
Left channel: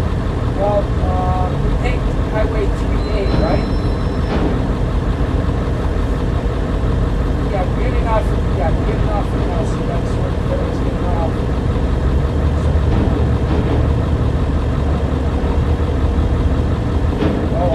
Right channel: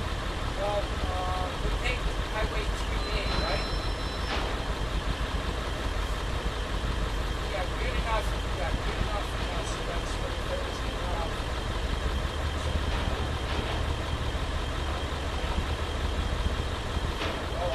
Well, we take Highway 3A, right? Yeah, we're getting off from Nelson. That's where the ferry's getting off. Oh,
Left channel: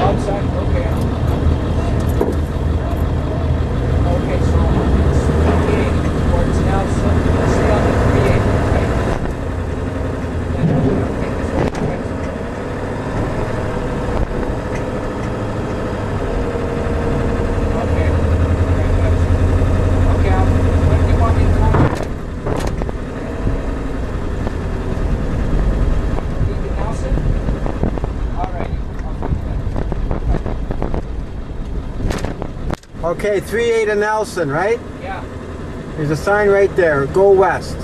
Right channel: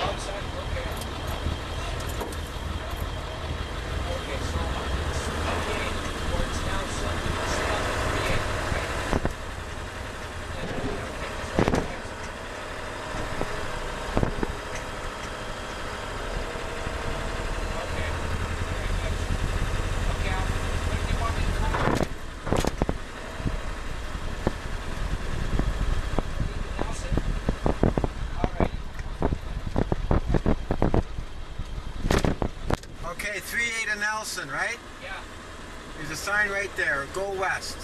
Okay, 38 in Nelson, right? Yeah. There's a sign right there. Go west.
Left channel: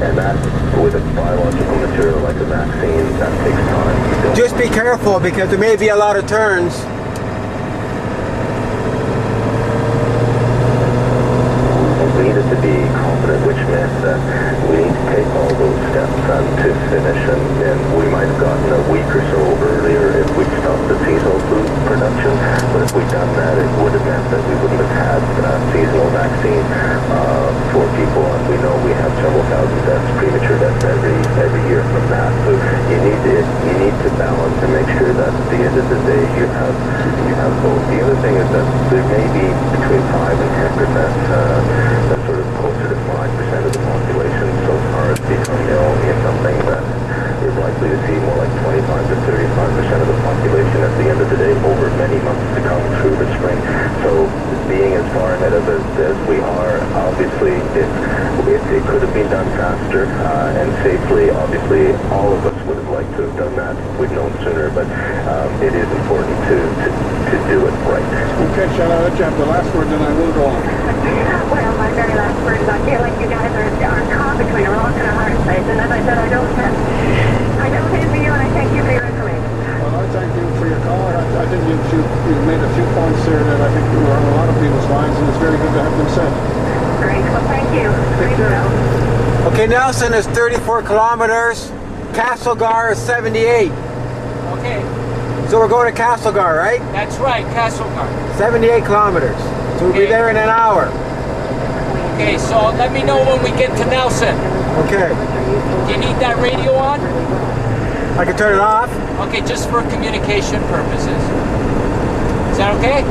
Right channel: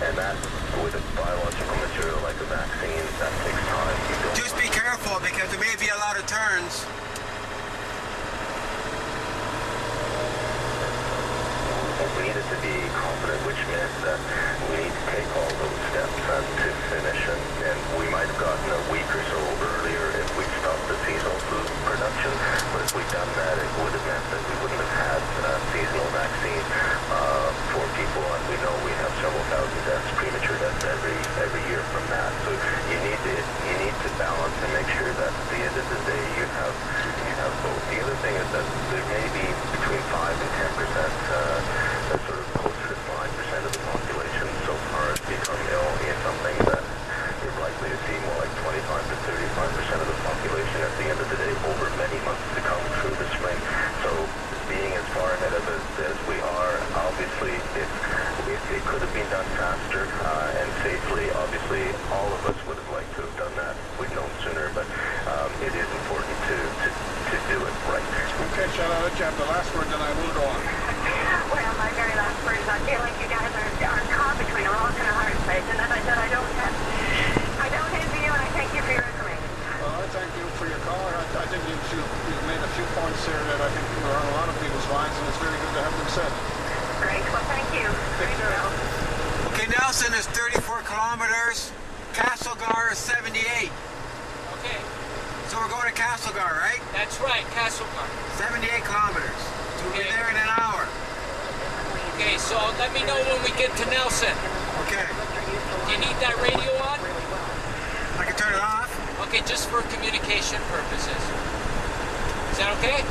And that, with a biological material like a vaccine, that takes time. Just be careful because there may be a lot of turns. We needed to be confident, which meant that we need to take all those steps to finish, and we might have gotten a week or so earlier if we'd stopped the seasonal food production, but if we'd done that, it would have meant that we wouldn't have had seasonal vaccine for people, and we know we have several thousand deaths, premature deaths every year from that. So you need to balance and make sure that at the end of the day you have both. The other thing is that there may be between 5 and 10%. That's sort of closer to 5% of the population so far has become ill in something that is likely to see more like 25 to 35% of the population at the end of the day over many months to come through the spring. So being as far ahead of it as we are, obviously it could have been done faster and safely. Obviously all of us would have liked to have done that. We'd known sooner, but it is important to do it right. Okay, shall I let you have the last word, then I will go on. Well, my very last word is I feel like you guys are caught between a rock and a hard place. And as I said, I don't envy you, and I thank you for your information. Well, I thank you for your call. I think you made a few points there that I think were on a lot of people's minds, and it's very good to have them said. Great. Well, thank you. Take care. Okay, Nelson is 34 kilometers. Castlegar is 78. Okay, So we're going to Castlegar, right? that's right, Castlegar. 78 kilometers. So we'll be Okay. there in an hour. Okay, so let me know when we get to Nelson. Okay. Do you need that radio on? I can turn it off? Okay, just for communication purposes. Is that okay?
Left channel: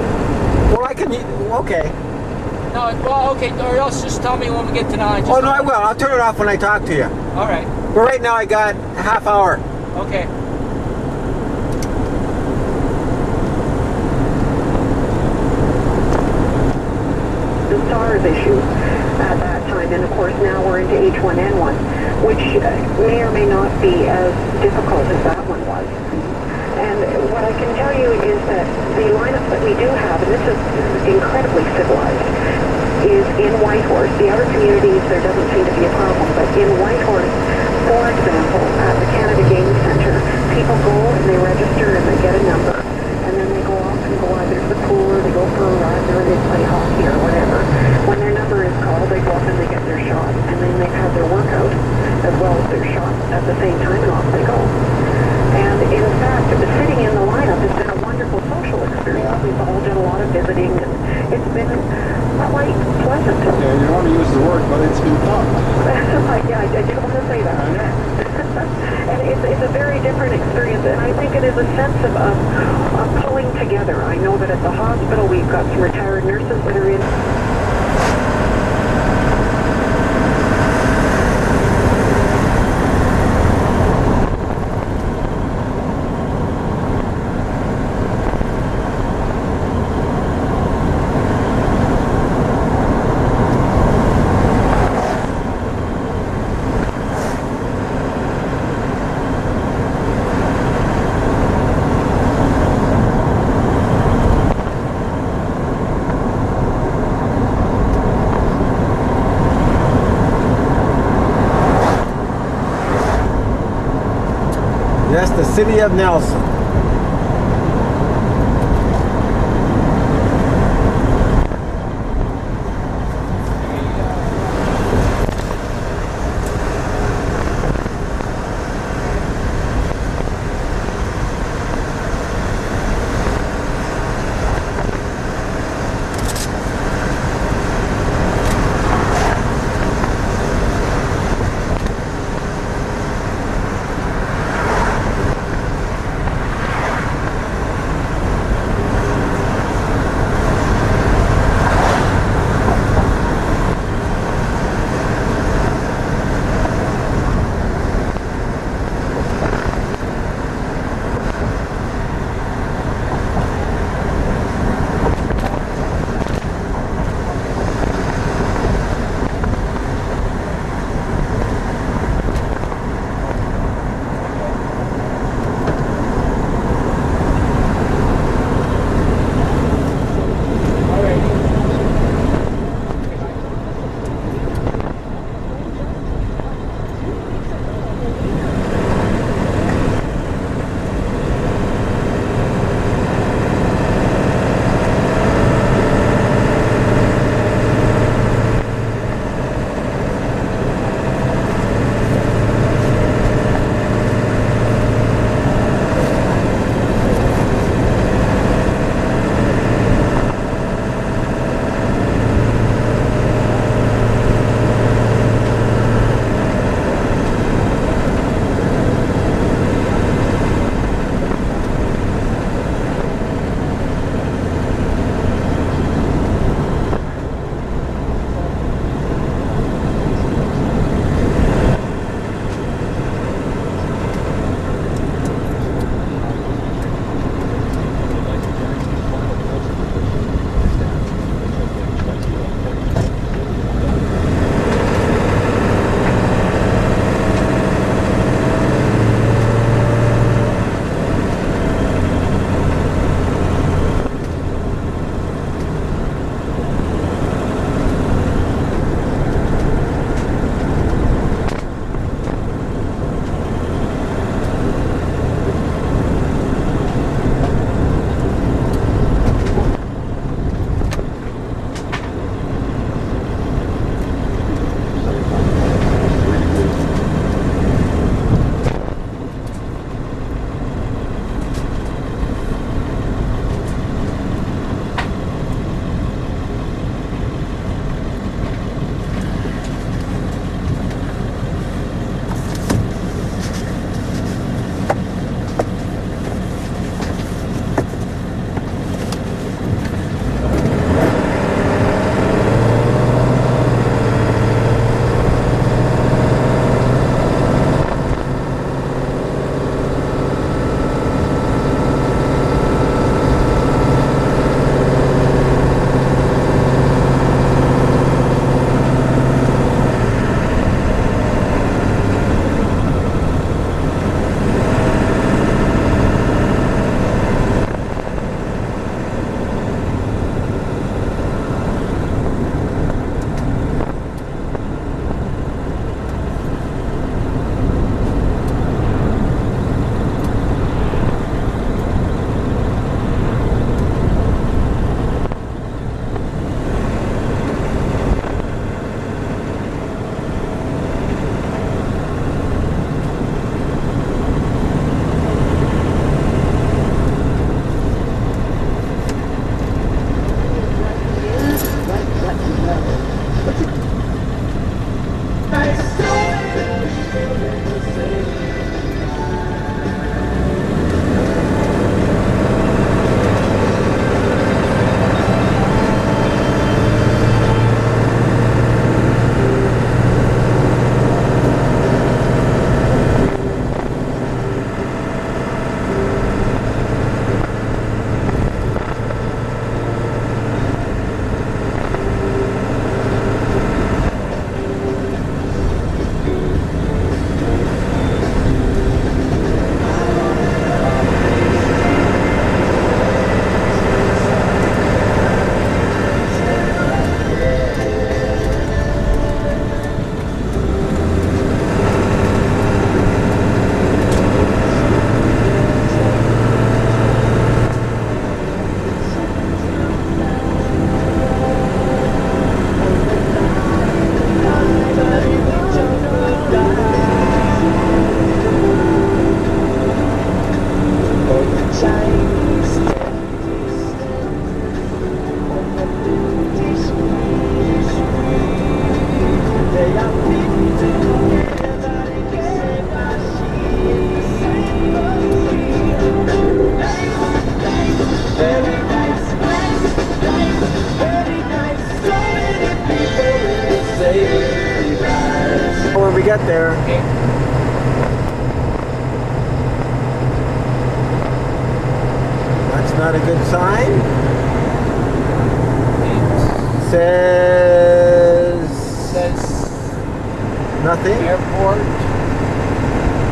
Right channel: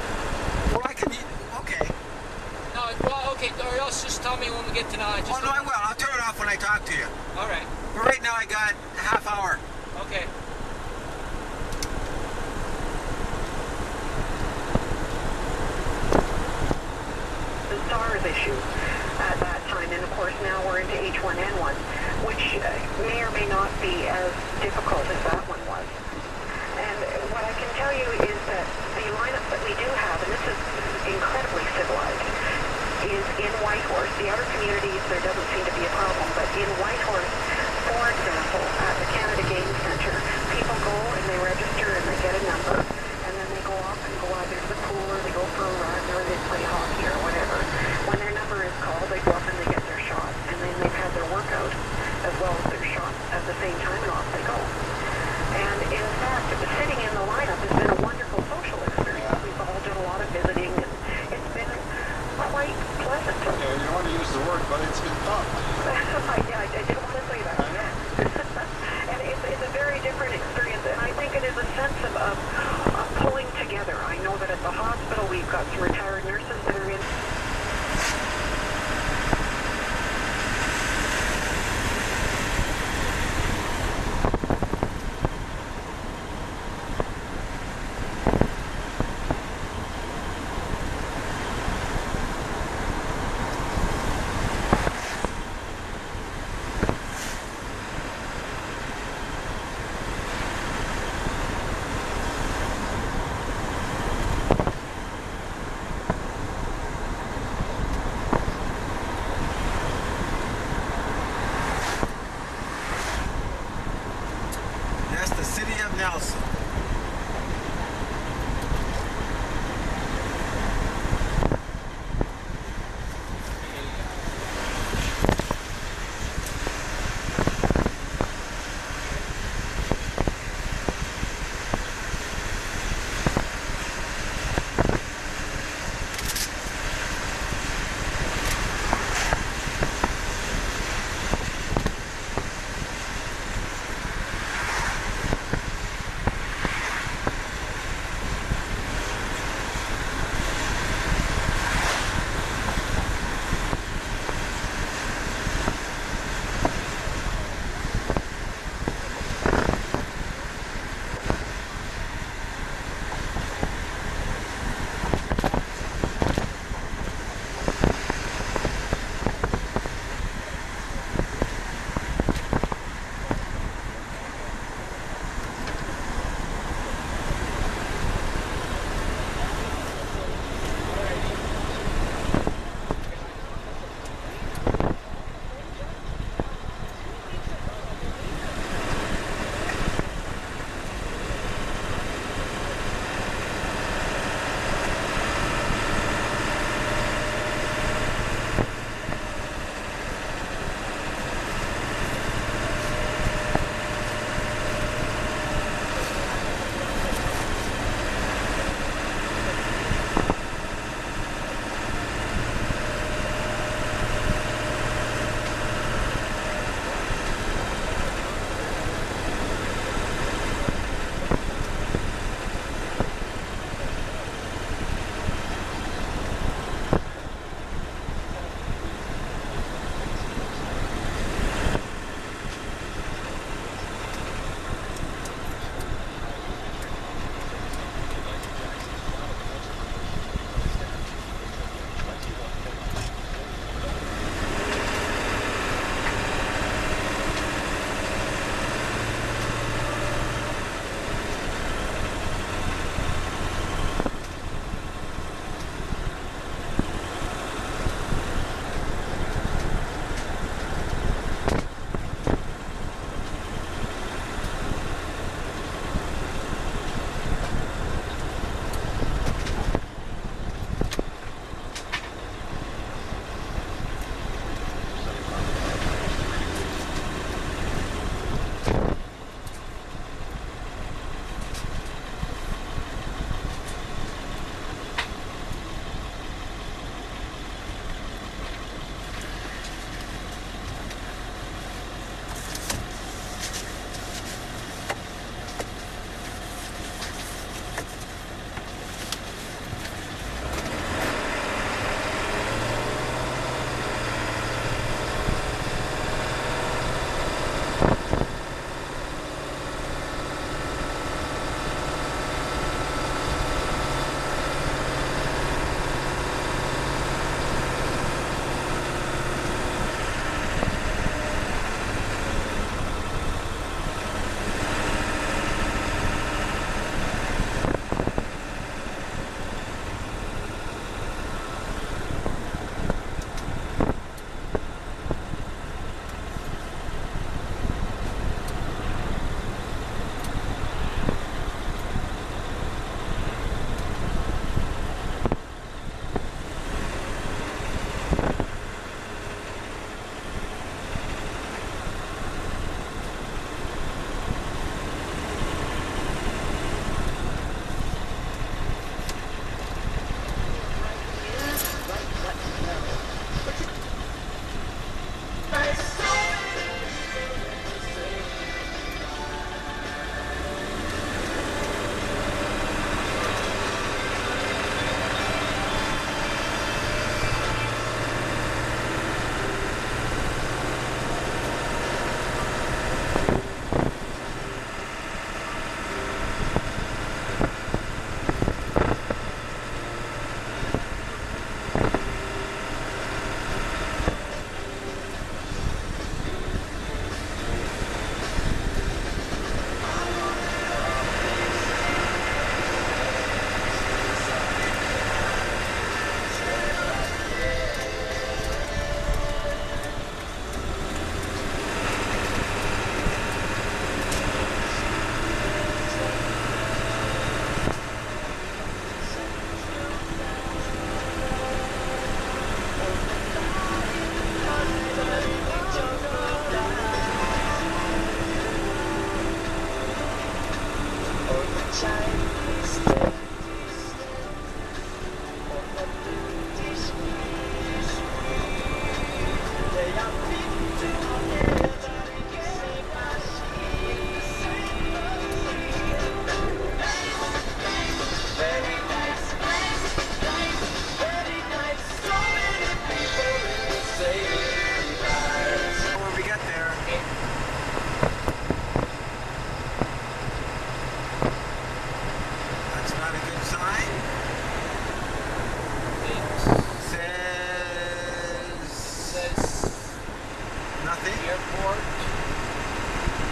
Well, I can... Okay. No, well, okay, or else just tell me when we get to Nelson. Oh, no, I will. I'll turn it off when I talk to you. All right, But right now I got a half hour. okay. The SARS issue at that time, and of course now we're into H1N1, which may or may not be as difficult as that one was. And what I can tell you is that the lineup that we do have, and this is incredibly civilized, is in Whitehorse. The other communities, there doesn't seem to be a problem, but in Whitehorse, for example, at the Canada Game Centre, people go and they register and they get a number, and then they go off and go either to the pool or they go for a run or they play hockey or whatever. When their number is called, they go up and they get their shot, and then they've had their workout as well as their shot at the same time, and off they go. And in fact, sitting in the lineup has been a wonderful social experience. We've all done a lot of visiting, and it's been quite pleasant. Yeah, you don't want to use the word, but it's been tough. Yeah, I didn't want to say that. And it's a very different experience, and I think it is a sense of pulling together. I know that at the hospital we've got some retired nurses that are in. That's the city of Nelson. get there. Okay. That's not a good sign. It says nothing. airport.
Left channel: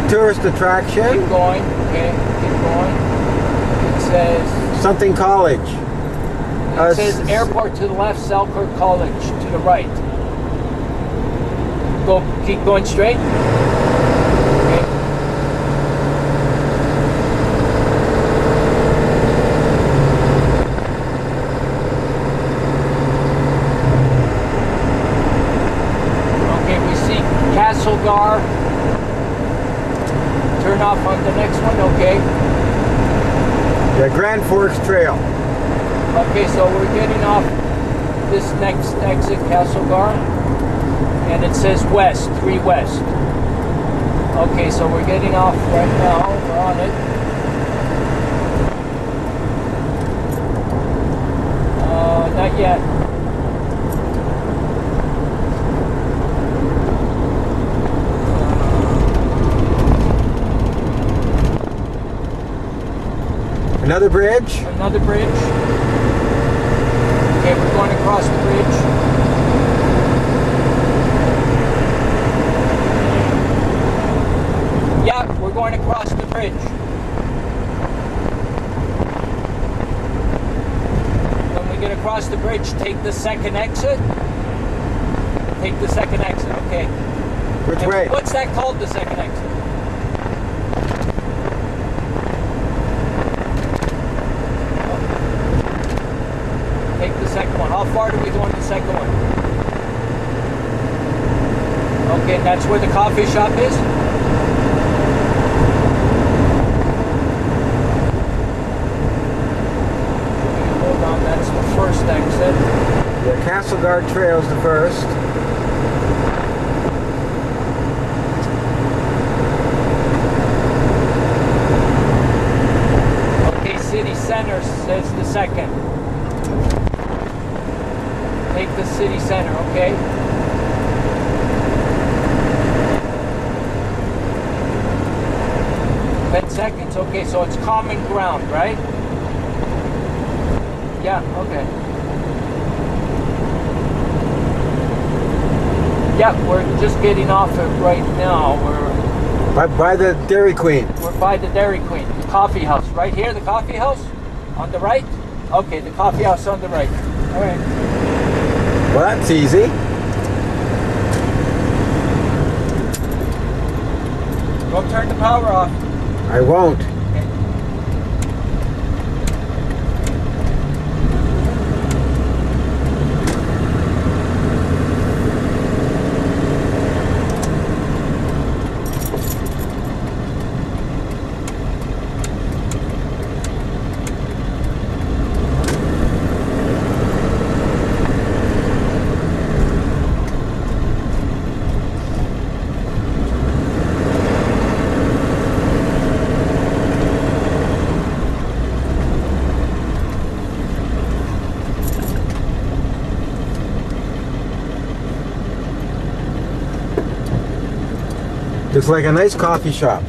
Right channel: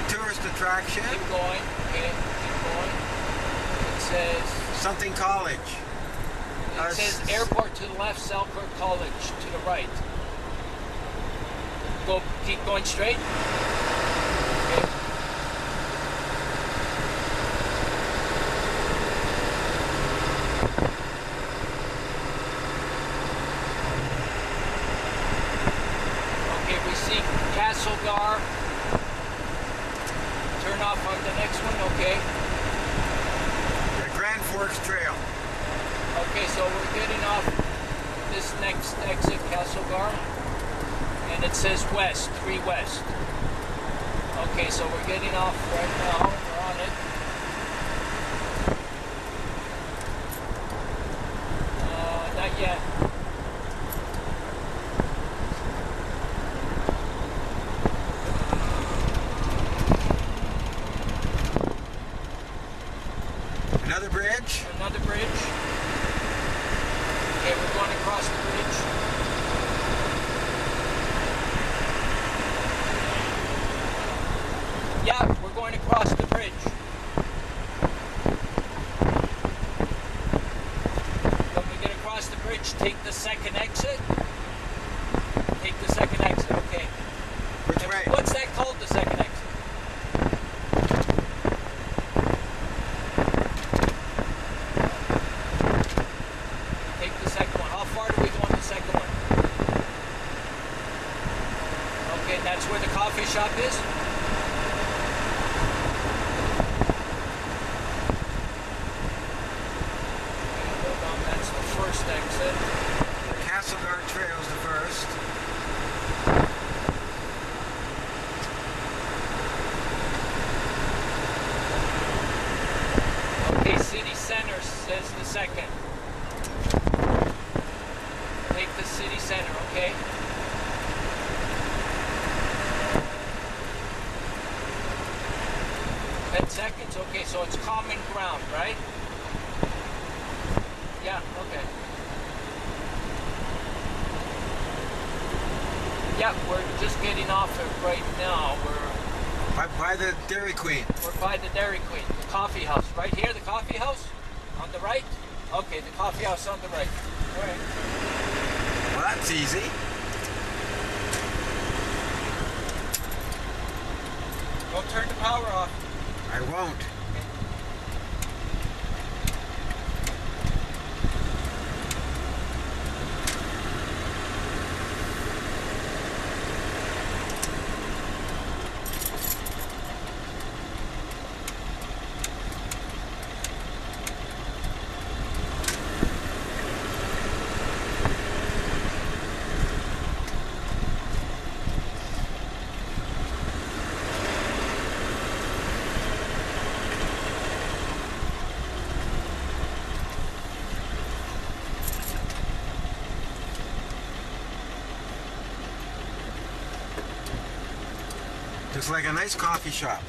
Tourist attraction. Keep going. Okay, keep going. It says Something college. it says airport to the left, Selkirk College to the right. Go, keep going straight. Okay. Okay, we see Castlegar. Turn off on the next one, okay. Yeah, Grand Forks Trail. Okay, so we're getting off this next exit, Castlegar, and it says west, 3 west. Okay, so we're getting off right now, we're on it. Not yet. Another bridge. Another bridge. Okay, we're going across the bridge. Yeah, we're going across the bridge. When we get across the bridge, take the second exit. Take the second exit, okay. Which And way? what's that called, the second exit? Take the second one. How far do we go on the second one? Okay, that's where the coffee shop is? Hold on, that's the first exit. The Castlegar Trail's the first. Okay, City Center says the second. Take the city center, okay? 10 seconds, okay, so it's common ground, right? Yeah, okay. Yeah, we're just getting off it right now. By the Dairy Queen. We're by the Dairy Queen, the coffee house. Right here, the coffee house? On the right? Okay, the coffee house on the right. All right. Well, that's easy. Go turn the power off. I won't. Looks like a nice coffee shop.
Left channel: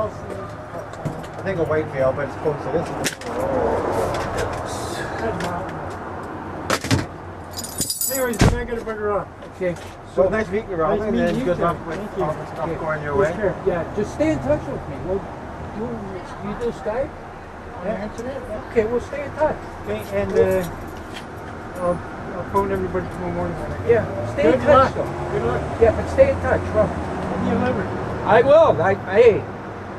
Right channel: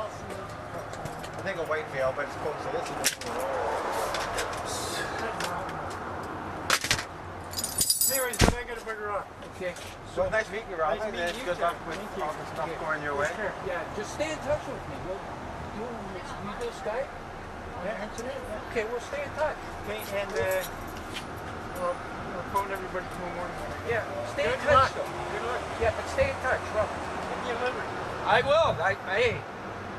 else? I think a Whitevale, but it's close to this. Anyways, then I gotta bugger off. Okay. So nice meeting you, Robin, Nice and meeting then you good too. luck with Thank you. all the stuff Okay. going your Take way. care. Yeah, just stay in touch with me. We'll you do Skype on the internet? Okay, we'll stay in touch. Okay, and I'll phone everybody tomorrow morning. Yeah, stay Good in touch luck. though. Good luck. Yeah, but stay in touch, Rob. You never. I will. Hey,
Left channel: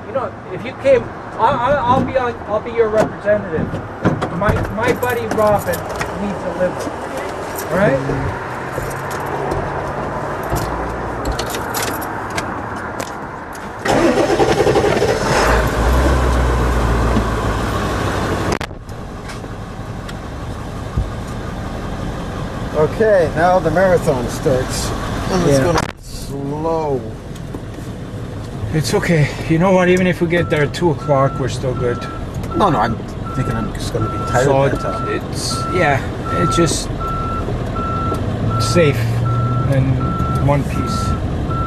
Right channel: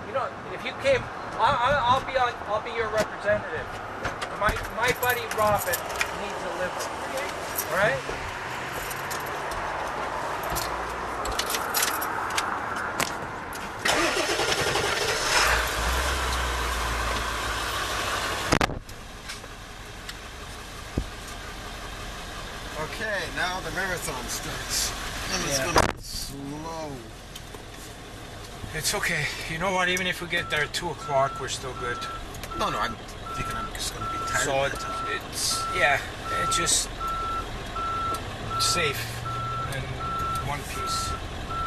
you know, if you came, I'll be your representative. My buddy Robin needs a liver. All right? Okay, now the marathon starts. And it's Yeah. going slow. It's okay. You know what? Even if we get there at 2 o'clock, we're still good. No, I'm thinking I'm just going to be tired So by that time. it's just safe and one piece.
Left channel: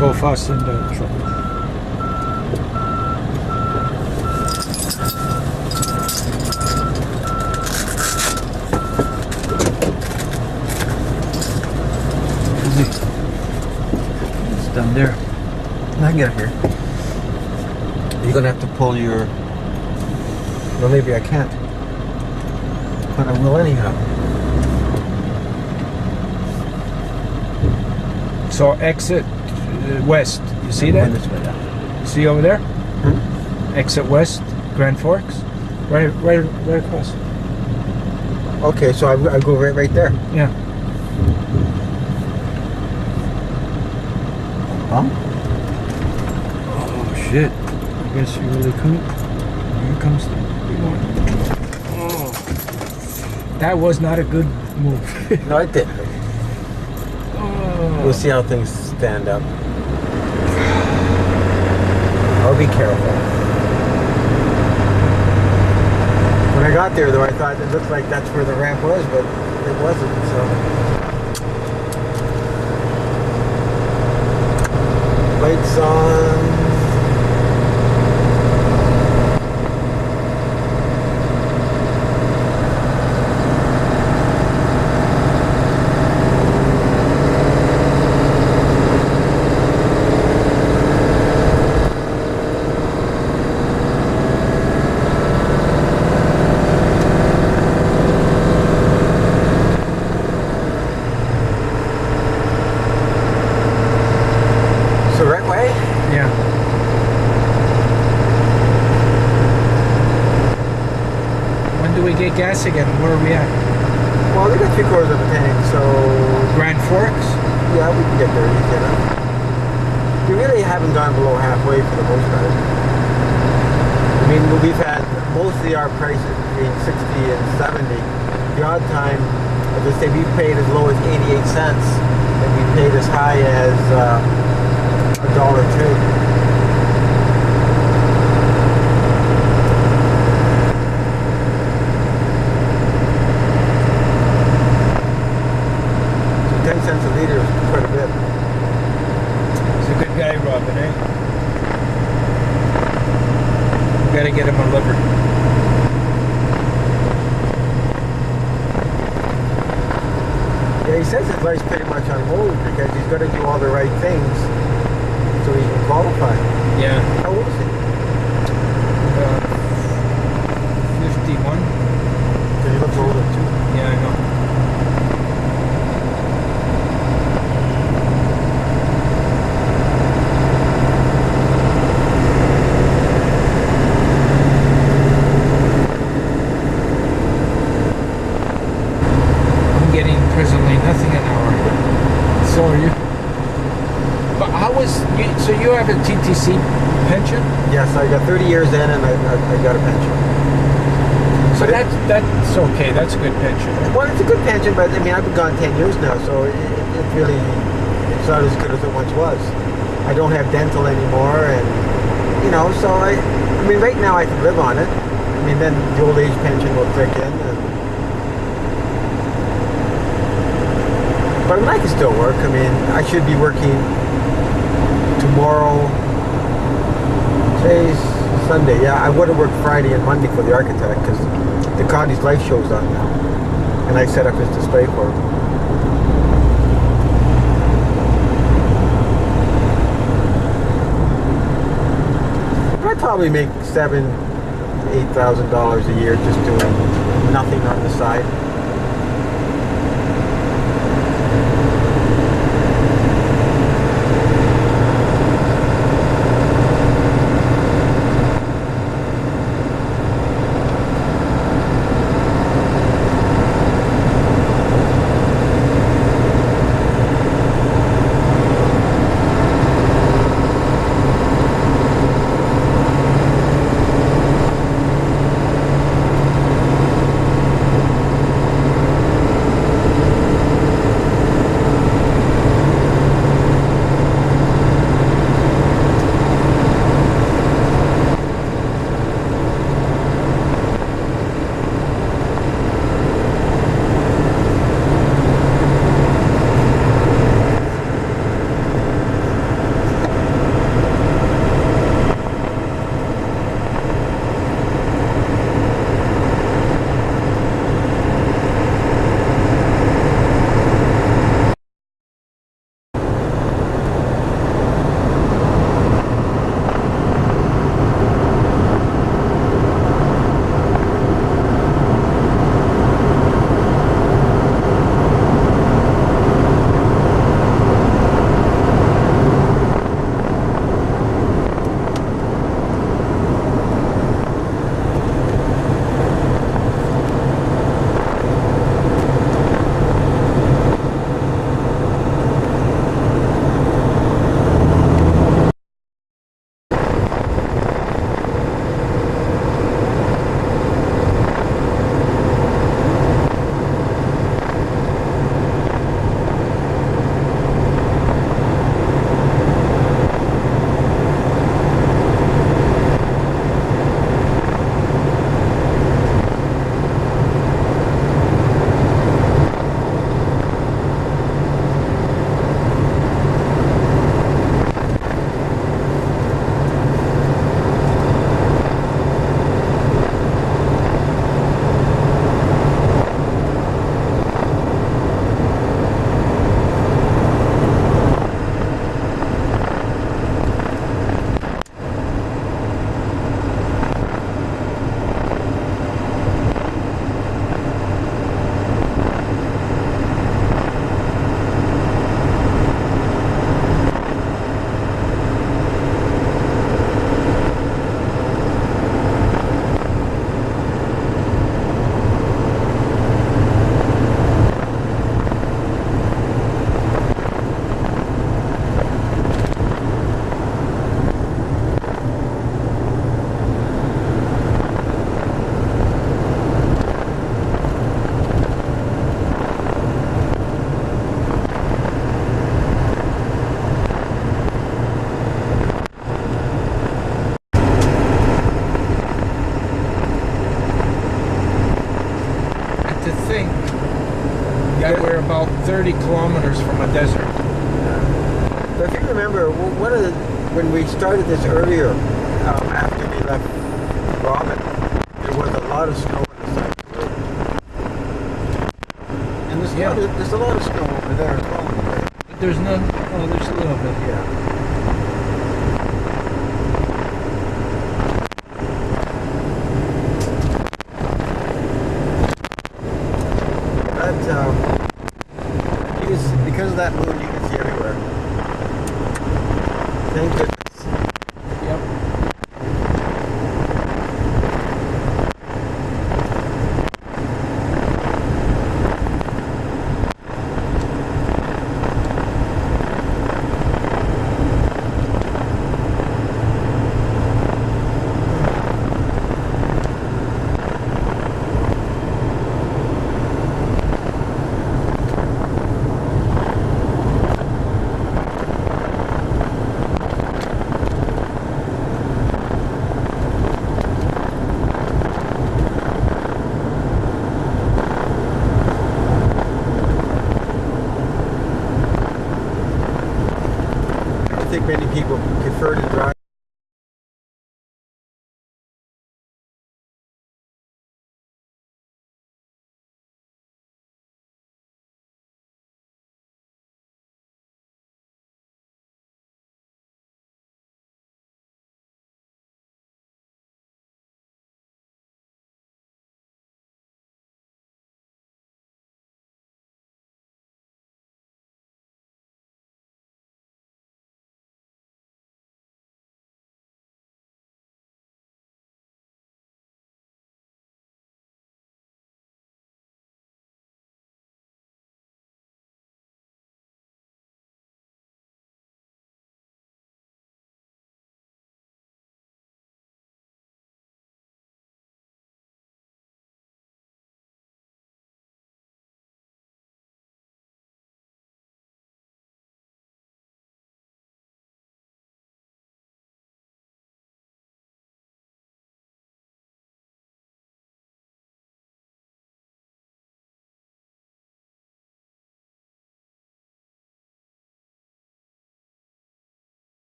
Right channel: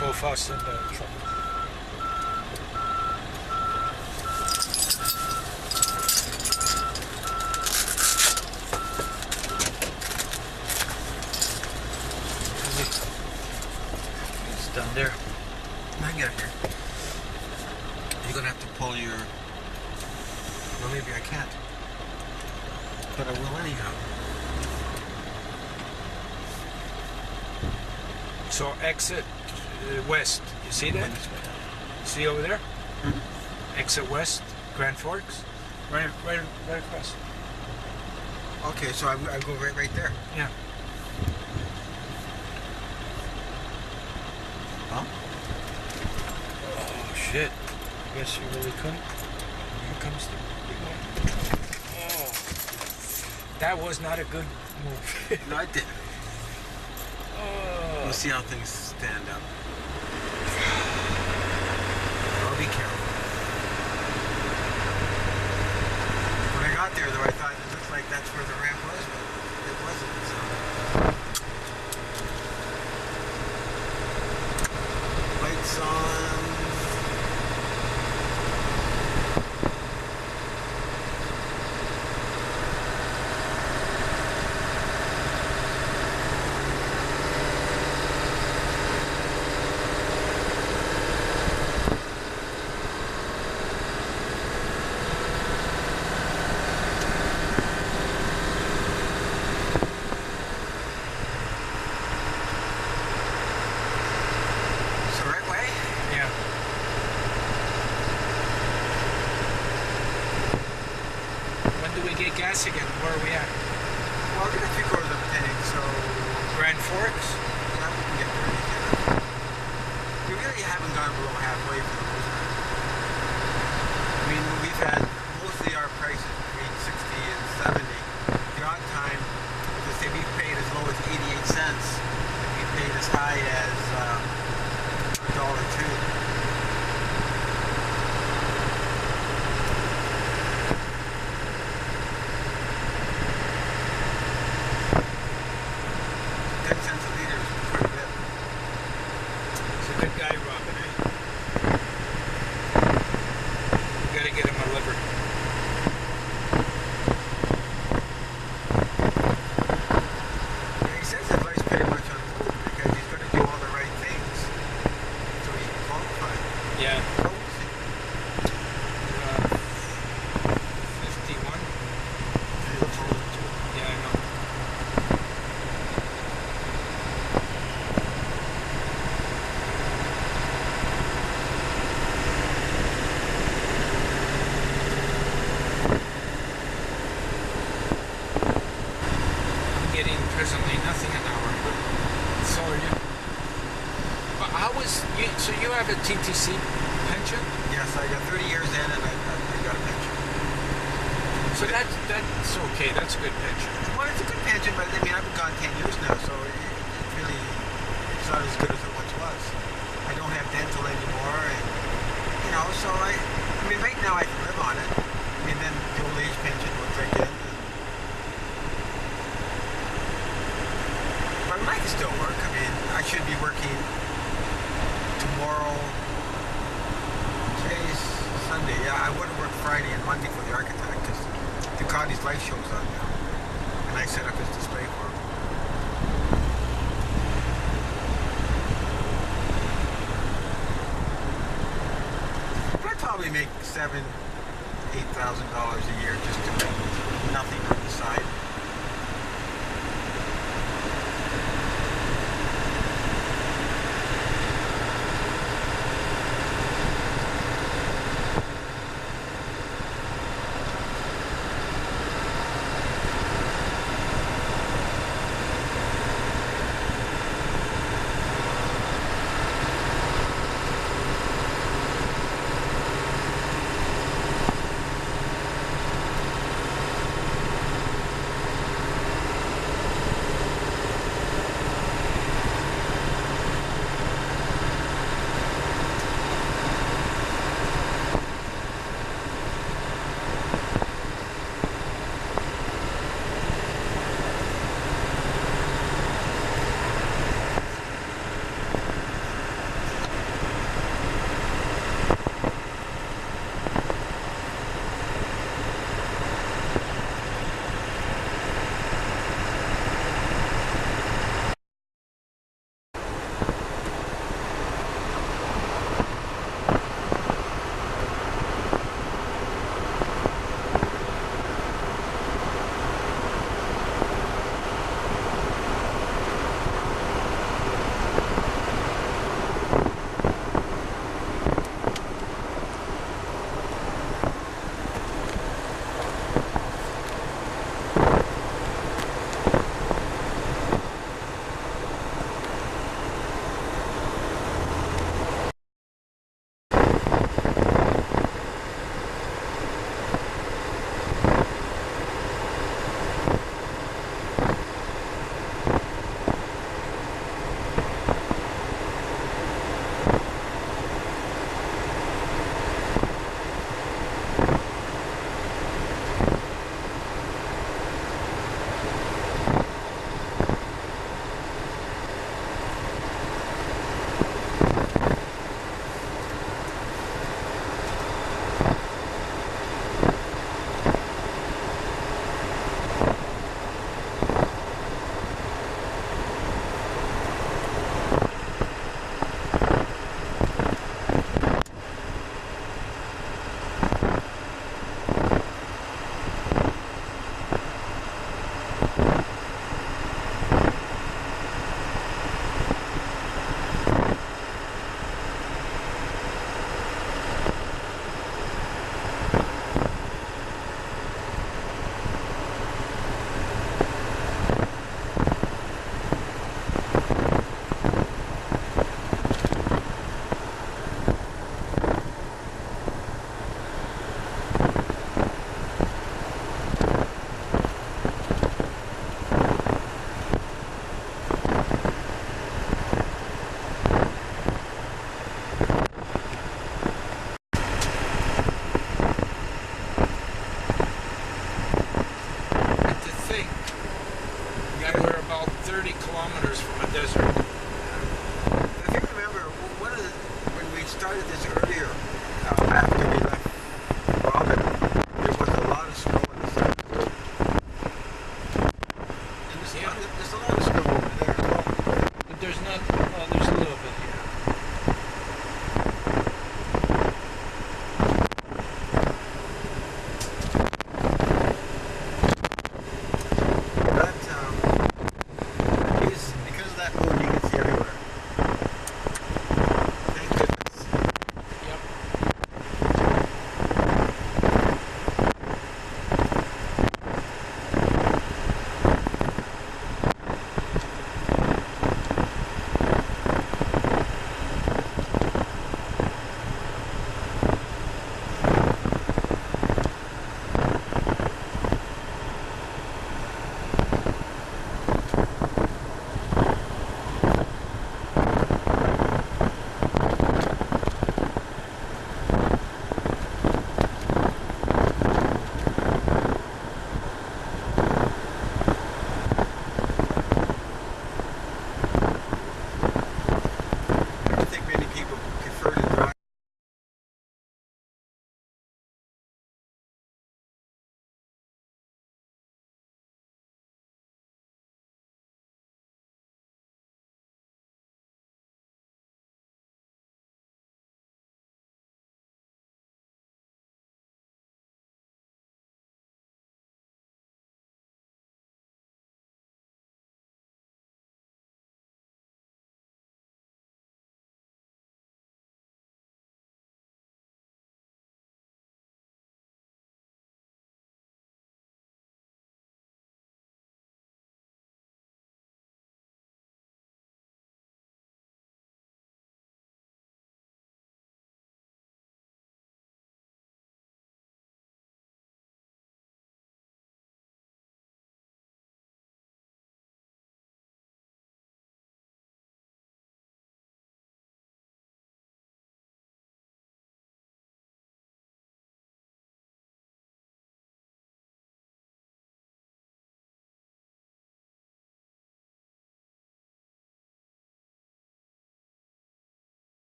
Both us and the truck. It's done there. I can get here. You're going to have to pull your... Well, maybe I can't. But I will anyhow. So exit west. You see that? See over there? Exit west, Grand Forks. Right across. Okay, so I go right there. Yeah. Huh? Oh shit. I guess you really couldn't. Here comes the big one. Oh. That was not a good move. No, I didn't. We'll see how things stand up. I'll be careful. When I got there, though, I thought it looked like that's where the ramp was, but it wasn't, so... Lights on. So right way? Yeah. When do we get gas again? Where are we at? Well, they got 3/4 of a tank, so... Grand Forks? Yeah, we can get there easy enough. We really haven't gone below halfway for the most part. I mean, we've had mostly our prices between 60 and 70. The odd time, as I say, we've paid as low as 88 cents, and we paid as high as $1.02. So 10 cents a liter is quite a bit. He's a good guy, Robin, eh? We gotta get him a liver. Yeah, he says his life's pretty much on hold because he's got to do all the right things so he can qualify. Yeah. How old is he? 51. He looks older too. Yeah, I know. I'm getting presently nothing an hour. So are you? But how was you? So you have a TTC pension? Yes, I got 30 years in and I got a pension. So that's okay. That's a good pension. Well, it's a good pension, but I mean, I've been gone 10 years now, so it really, it's not as good as it once was. I don't have dental anymore, and, you know, so I mean, right now I can live on it. I mean, then the old age pension will kick in. But I mean, I can still work. I mean, I should be working tomorrow. Today's Sunday. Yeah, I would have worked Friday and Monday for the architect because the Connie's Life show's on now. And I set up his display for him. I'd probably make $7,000-8,000 a year just doing nothing on the side. that we're about 30 kilometers from a desert. But if you remember, when we started this earlier, after we left Robin, there was a lot of snow in the side of the road. And there's a lot of snow over there as well. There's none. Oh, there's a little bit. Yeah. Because of that moon, you can see everywhere. Thank goodness. Yep. I think many people prefer to drive